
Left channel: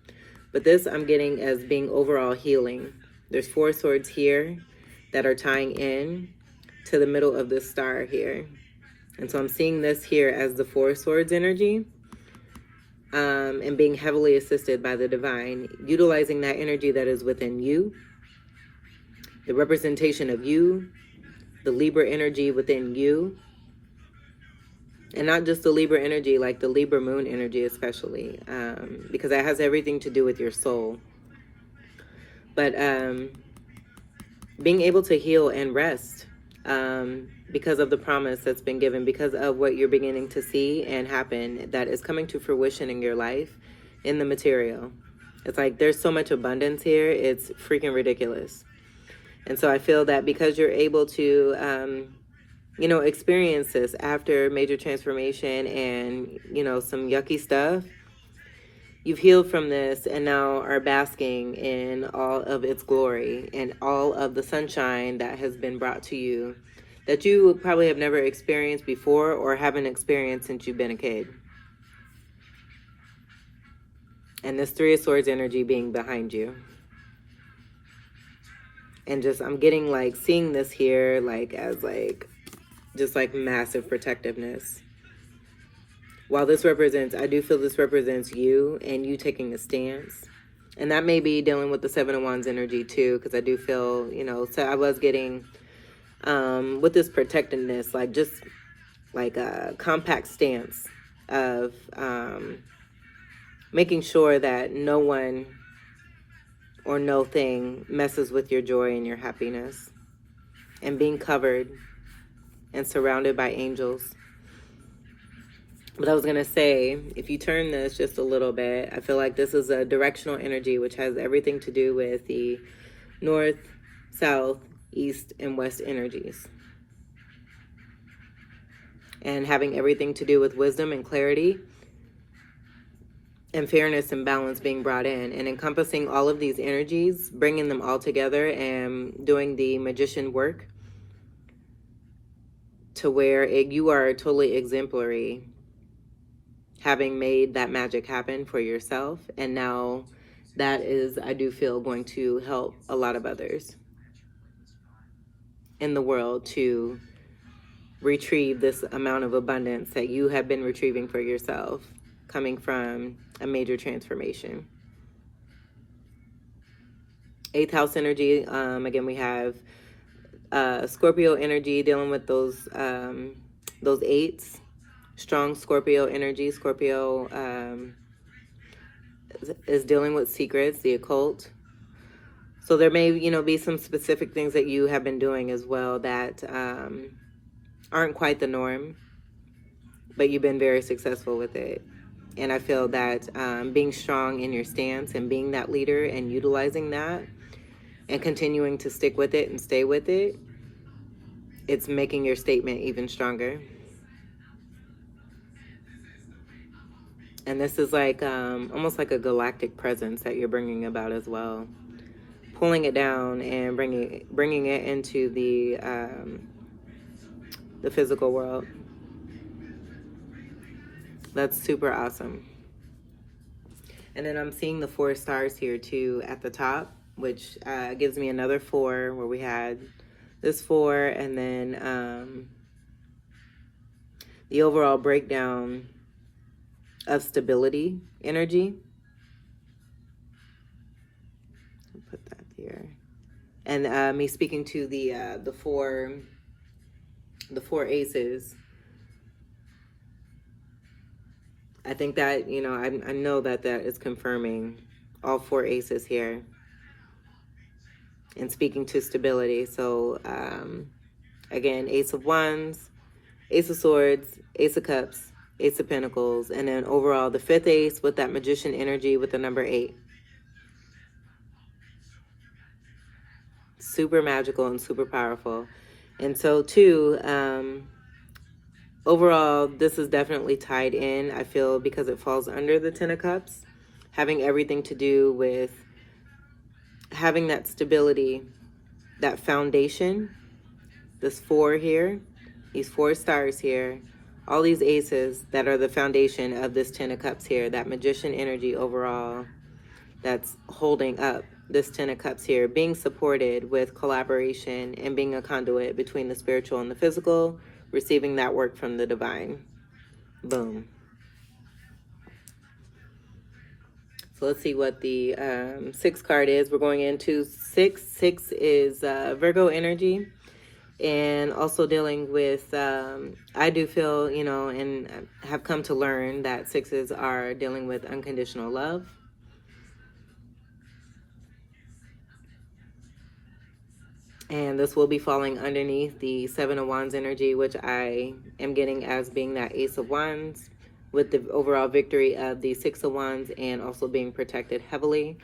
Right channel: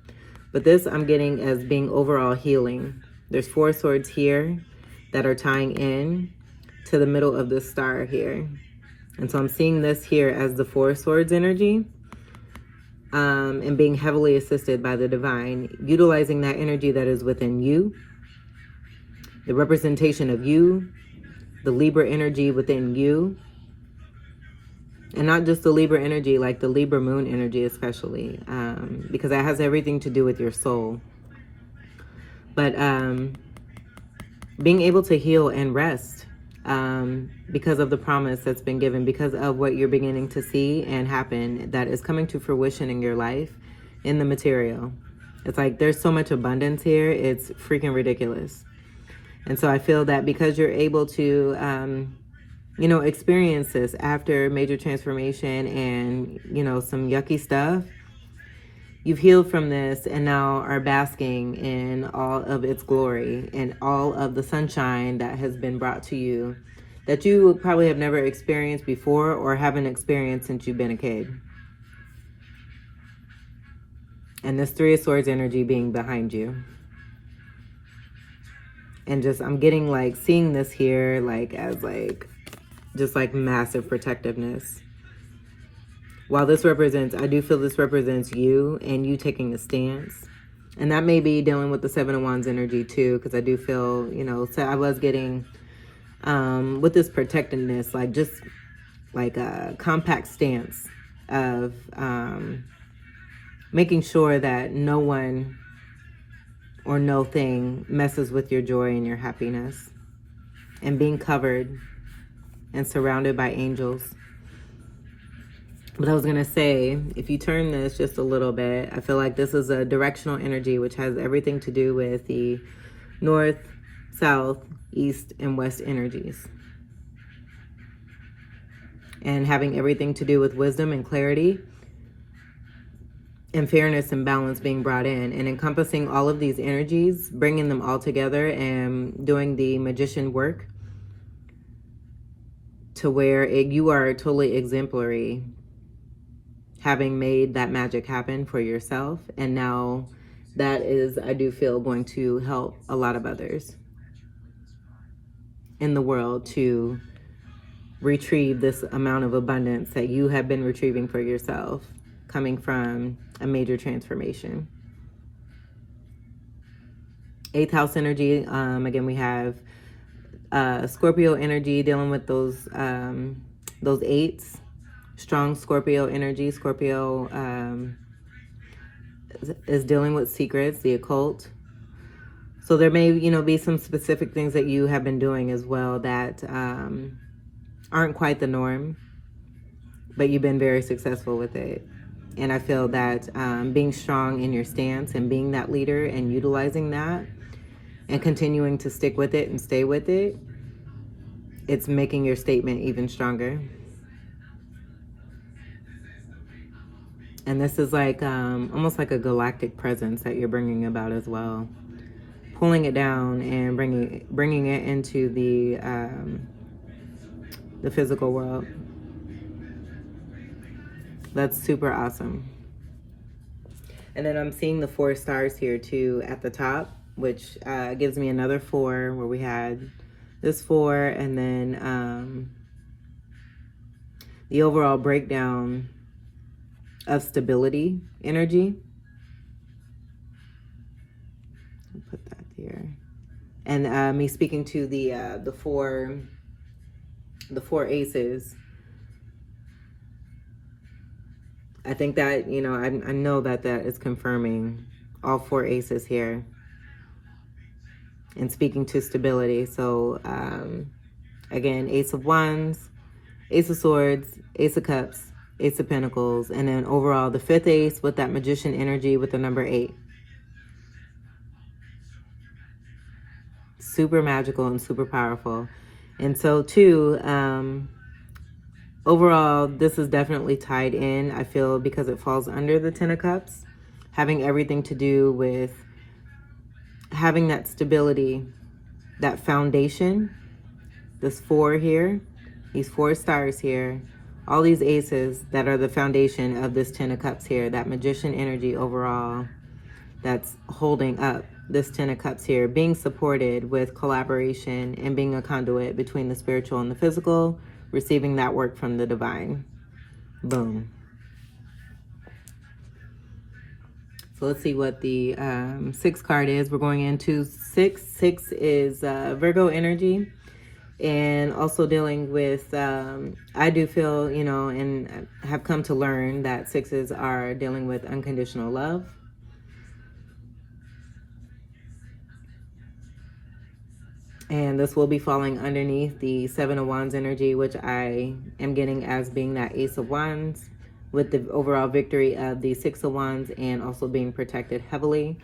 But this I'm getting as being overall healing. There's 4 swords here that are tying in to the middle of this star here. And so I'm seeing this here as the 4 swords energy, and being heavily assisted by the divine, utilizing that energy that is within you, the representation of you, the Libra energy within you, and not just the Libra energy, like the Libra moon energy especially, because that has everything to do with your soul. But being able to heal and rest, because of the promise that's been given, because of what you're beginning to see and happen that is coming to fruition in your life, in the material. It's like there's so much abundance here, it's freaking ridiculous. And so I feel that because you're able to, experience this after major transformation and, some yucky stuff, you've healed from this and now are basking in all of its glory and all of the sunshine that has been brought to you that you probably have never experienced before or haven't experienced since you've been a kid. And this Three of Swords energy being behind you. And just, I'm getting like, seeing this here like as like, just like massive protectiveness. While this represents, I do feel this represents you and you taking a stance. And that may be dealing with the Seven of Wands energy too, because I do feel, so I was getting, with this protectiveness, like just like a compact stance of making sure that no one or no thing messes with your joy and your happiness, and being covered and surrounded by angels. But I was going to say, if you turn this just a little bit, I feel like this is a directional energy, which has everything to do with the north, south, east, and west energies. And having everything to do with wisdom and clarity and fairness and balance being brought in, and encompassing all of these energies, bringing them all together and doing the magician work to where you are totally exemplary, having made that magic happen for yourself. And now that is, I do feel, going to help a lot of others in the world to retrieve this amount of abundance that you have been retrieving for yourself, coming from a major transformation. Eighth house energy, again, we have Scorpio energy dealing with those eights. Strong Scorpio energy. Scorpio is dealing with secrets, the occult. So there may, be some specific things that you have been doing as well that aren't quite the norm, but you've been very successful with it. And I feel that being strong in your stance and being that leader and utilizing that and continuing to stick with it and stay with it, it's making your statement even stronger. And this is like almost like a galactic presence that you're bringing about as well. Pulling it down and bringing it into the physical world. That's super awesome. And then I'm seeing the 4 stars here too at the top, which gives me another 4 where we had this 4, and then the overall breakdown of stability energy. I'll put that here. And me speaking to the four aces. I think that, I know that is confirming all 4 aces here. And speaking to stability. So, again, Ace of Wands, Ace of Swords, Ace of Cups, Ace of Pentacles, and then overall the 5th ace with that magician energy with the number 8. Super magical and super powerful. And so too, overall, this is definitely tied in, I feel, because it falls under the 10 of Cups, having everything to do with having that stability, that foundation, this 4 here, these 4 stars here, all these aces that are the foundation of this 10 of Cups here, that magician energy overall that's holding up this 10 of Cups here, being supported with collaboration and being a conduit between the spiritual and the physical, receiving that work from the divine. Boom. So let's see what the 6th card is. We're going into 6. 6 is Virgo energy. And also dealing with, I do feel, and have come to learn that 6s are dealing with unconditional love. And this will be falling underneath the Seven of Wands energy, which I am getting as being that Ace of Wands, with the overall victory of the Six of Wands, and also being protected heavily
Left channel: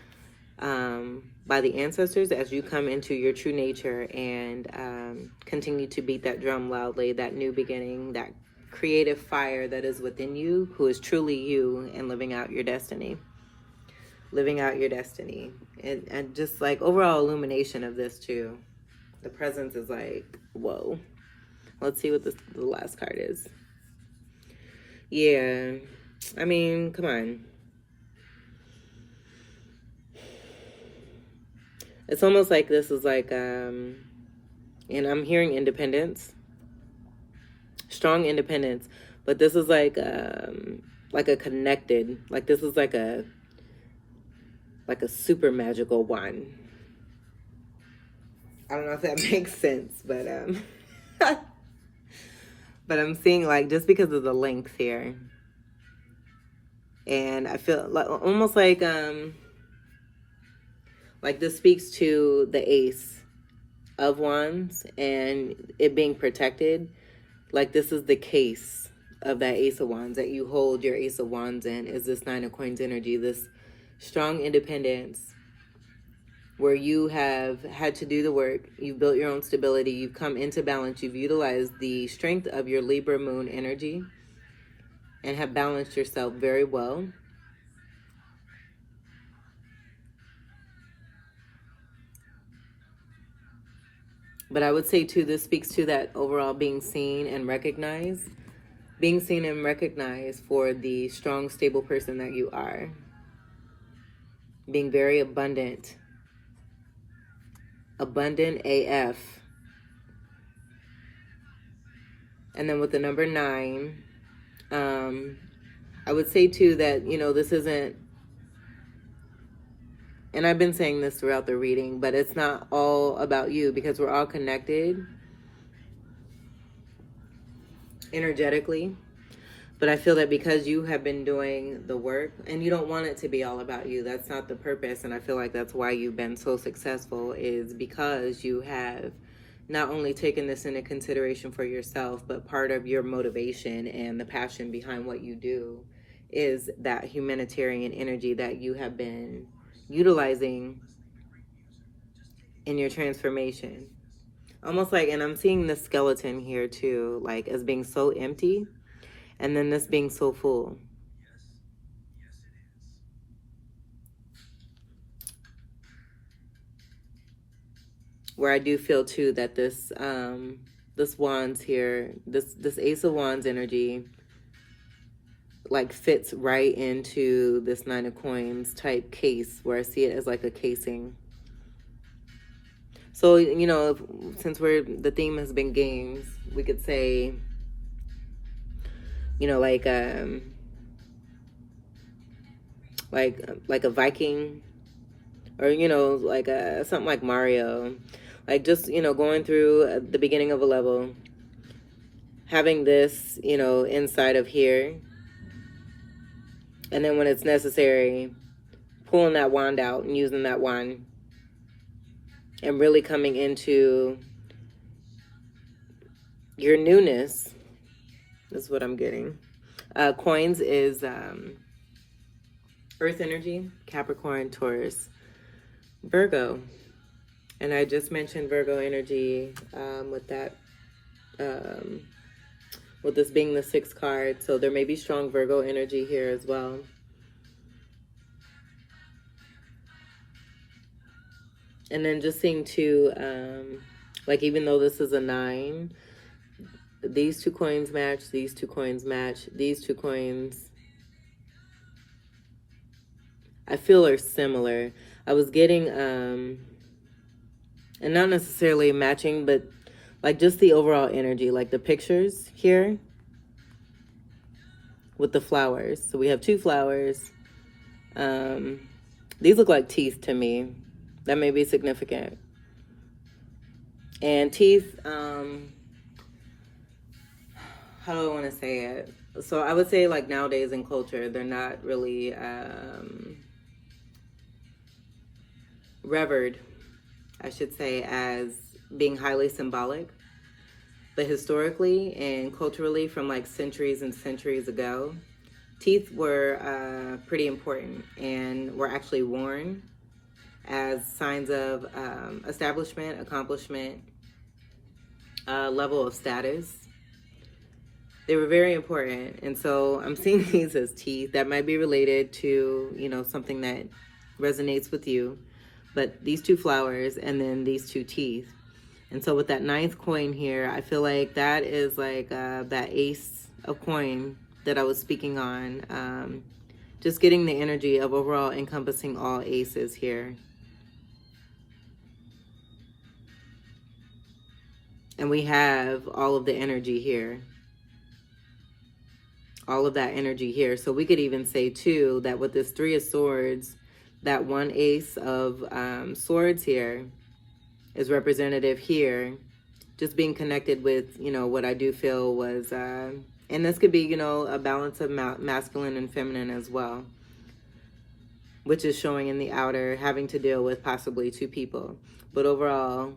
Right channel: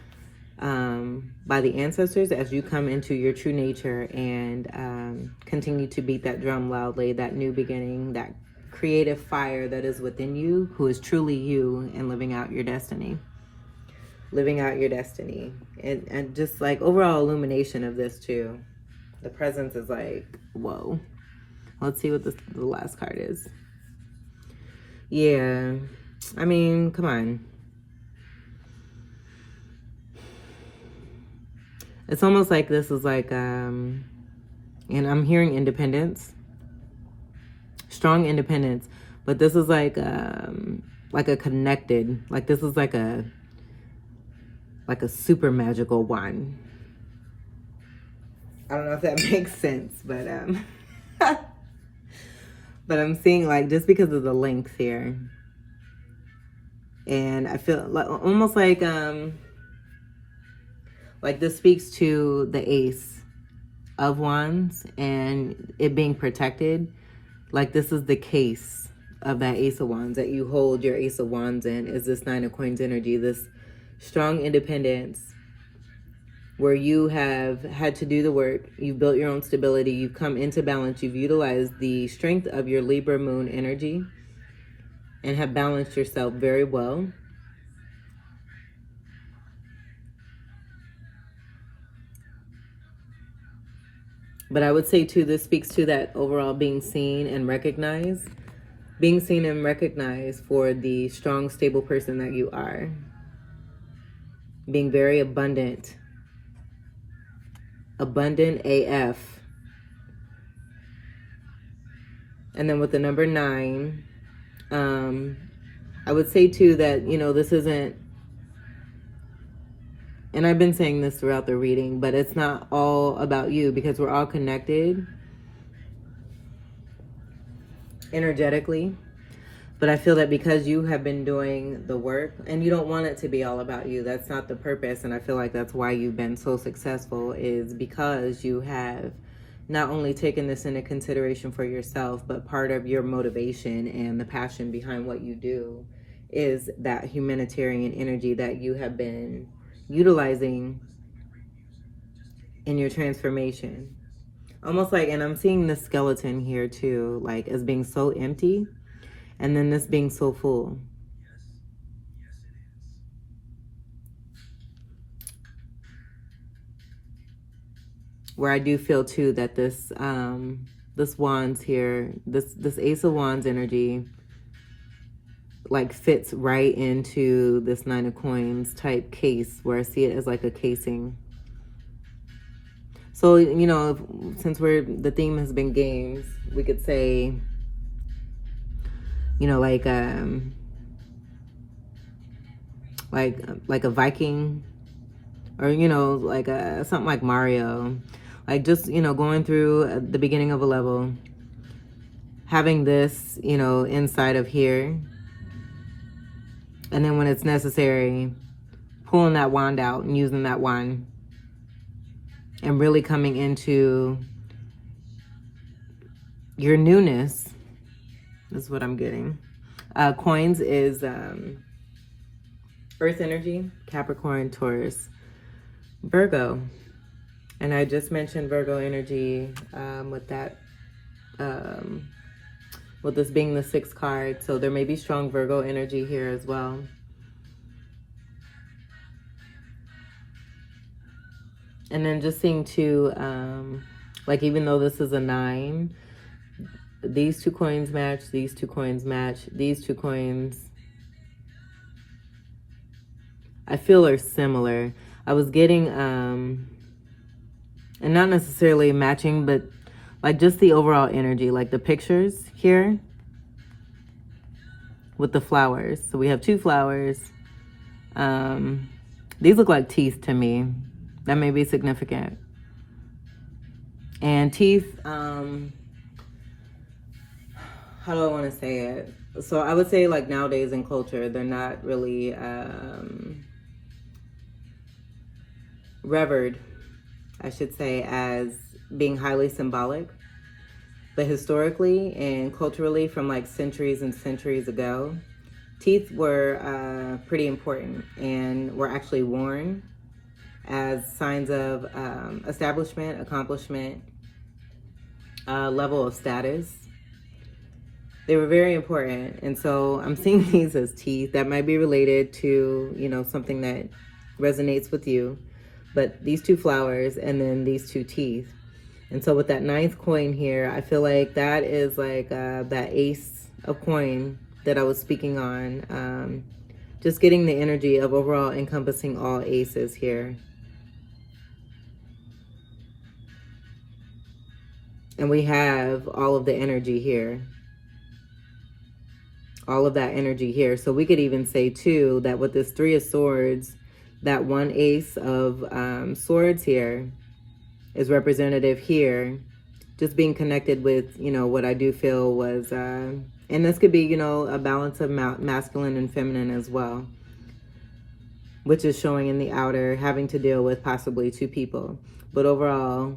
by the ancestors as you come into your true nature and continue to beat that drum loudly, that new beginning, that creative fire that is within you, who is truly you, and living out your destiny. Living out your destiny. And just like overall illumination of this too. The presence is like, whoa. Let's see what the last card is. Yeah. I mean, come on. It's almost like this is like, and I'm hearing independence. Strong independence. But this is like a connected, like this is like a super magical one. I don't know if that makes sense, but but I'm seeing like, just because of the length here, and I feel like almost like this speaks to the Ace of Wands and it being protected. Like this is the case of that Ace of Wands that you hold your Ace of Wands in, is this Nine of Coins energy, this strong independence, where you have had to do the work, you've built your own stability, you've come into balance, you've utilized the strength of your Libra Moon energy and have balanced yourself very well. But I would say too, this speaks to that overall being seen and recognized. Being seen and recognized for the strong, stable person that you are. Being very abundant. Abundant AF. And then with the number 9, I would say too that, you know, this isn't, and I've been saying this throughout the reading, but it's not all about you, because we're all connected energetically. But I feel that because you have been doing the work, and you don't want it to be all about you, that's not the purpose. And I feel like that's why you've been so successful, is because you have not only taken this into consideration for yourself, but part of your motivation and the passion behind what you do is that humanitarian energy that you have been utilizing in your transformation. Almost like, and I'm seeing the skeleton here too, like as being so empty, and then this being so full. Where I do feel too that this this wands here, this Ace of Wands energy, like fits right into this Nine of Coins type case, where I see it as like a casing. So, you know, since the theme has been games, we could say, you know, like a Viking, or, you know, like something like Mario, like just, you know, going through the beginning of a level, having this, you know, inside of here, and then when it's necessary, pulling that wand out and using that wand, and really coming into your newness. This is what I'm getting. Coins is Earth energy, Capricorn, Taurus, Virgo. And I just mentioned Virgo energy with that, with this being the 6th card. So there may be strong Virgo energy here as well. And then just seeing too, like even though this is a 9, these 2 coins match, these 2 coins match, these 2 coins I feel are similar. I was getting, and not necessarily matching, but like just the overall energy, like the pictures here with the flowers. So we have 2 flowers. These look like teeth to me. That may be significant. And teeth, how do I want to say it? So I would say like nowadays in culture, they're not really revered, I should say, as being highly symbolic. But historically and culturally, from like centuries and centuries ago, teeth were pretty important and were actually worn as signs of establishment, accomplishment, level of status. They were very important. And so I'm seeing these as teeth that might be related to, you know, something that resonates with you. But these two flowers and then these two teeth. And so with that 9th coin here, I feel like that is like that ace of coin that I was speaking on. Just getting the energy of overall encompassing all aces here. And we have all of the energy here. All of that energy here. So we could even say too that with this 3 of swords, that one ace of swords here is representative here, just being connected with, you know, what I do feel was, and this could be, you know, a balance of masculine and feminine as well, which is showing in the outer, having to deal with possibly 2 people. But overall,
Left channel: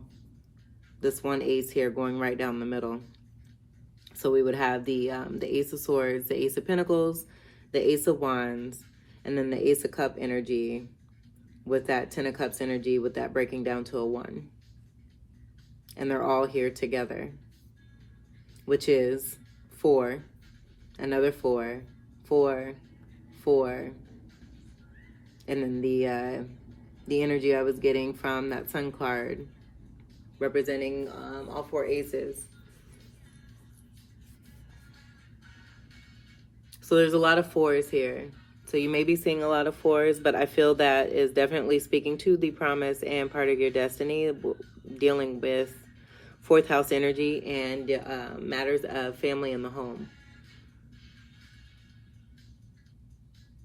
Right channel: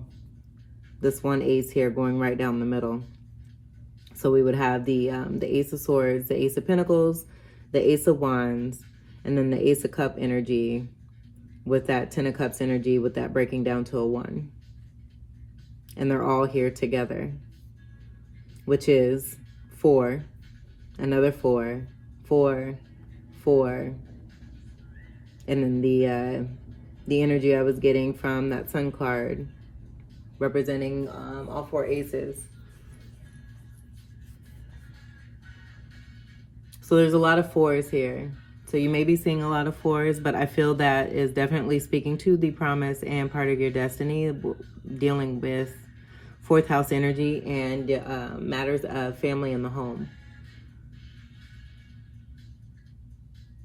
this one ace here going right down the middle. So we would have the Ace of Swords, the Ace of Pentacles, the Ace of Wands, and then the Ace of Cup energy with that 10 of Cups energy, with that breaking down to a 1. And they're all here together, which is 4, another 4, 4, 4. And then the energy I was getting from that Sun card representing all 4 aces. So there's a lot of 4s here. So you may be seeing a lot of 4s, but I feel that is definitely speaking to the promise and part of your destiny, dealing with 4th house energy and matters of family in the home.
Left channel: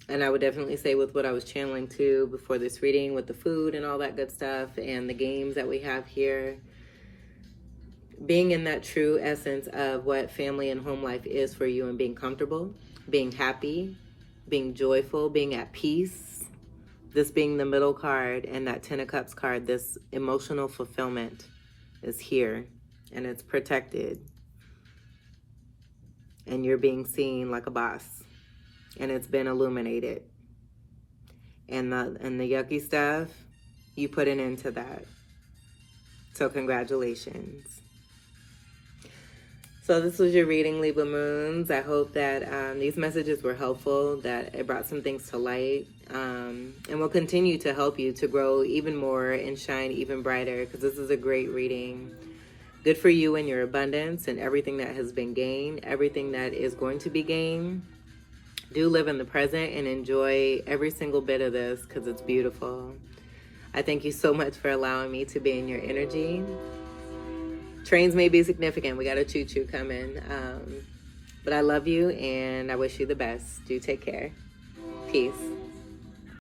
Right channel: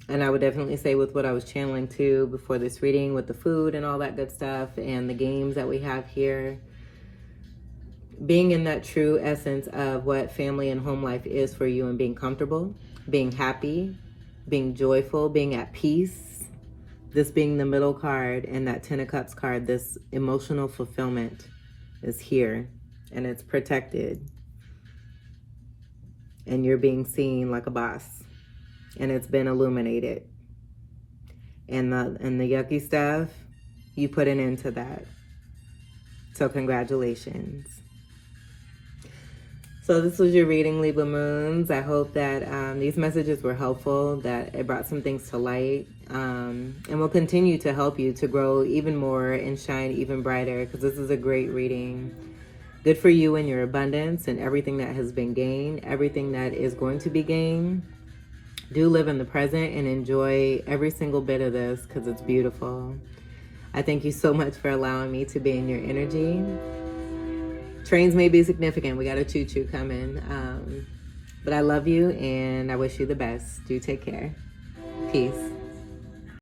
And I would definitely say with what I was channeling too before this reading, with the food and all that good stuff and the games that we have here, being in that true essence of what family and home life is for you, and being comfortable, being happy, being joyful, being at peace. This being the middle card and that 10 of Cups card, this emotional fulfillment is here and it's protected. And you're being seen like a boss. And it's been illuminated. And the yucky stuff, you put an end to that. So congratulations. So this was your reading, Libra Moons. I hope that these messages were helpful, that it brought some things to light, and will continue to help you to grow even more and shine even brighter, because this is a great reading. Good for you and your abundance and everything that has been gained, everything that is going to be gained. Do live in the present and enjoy every single bit of this, because it's beautiful. I thank you so much for allowing me to be in your energy. Trains may be significant. We got a choo-choo coming. But I love you and I wish you the best. Do take care. Peace.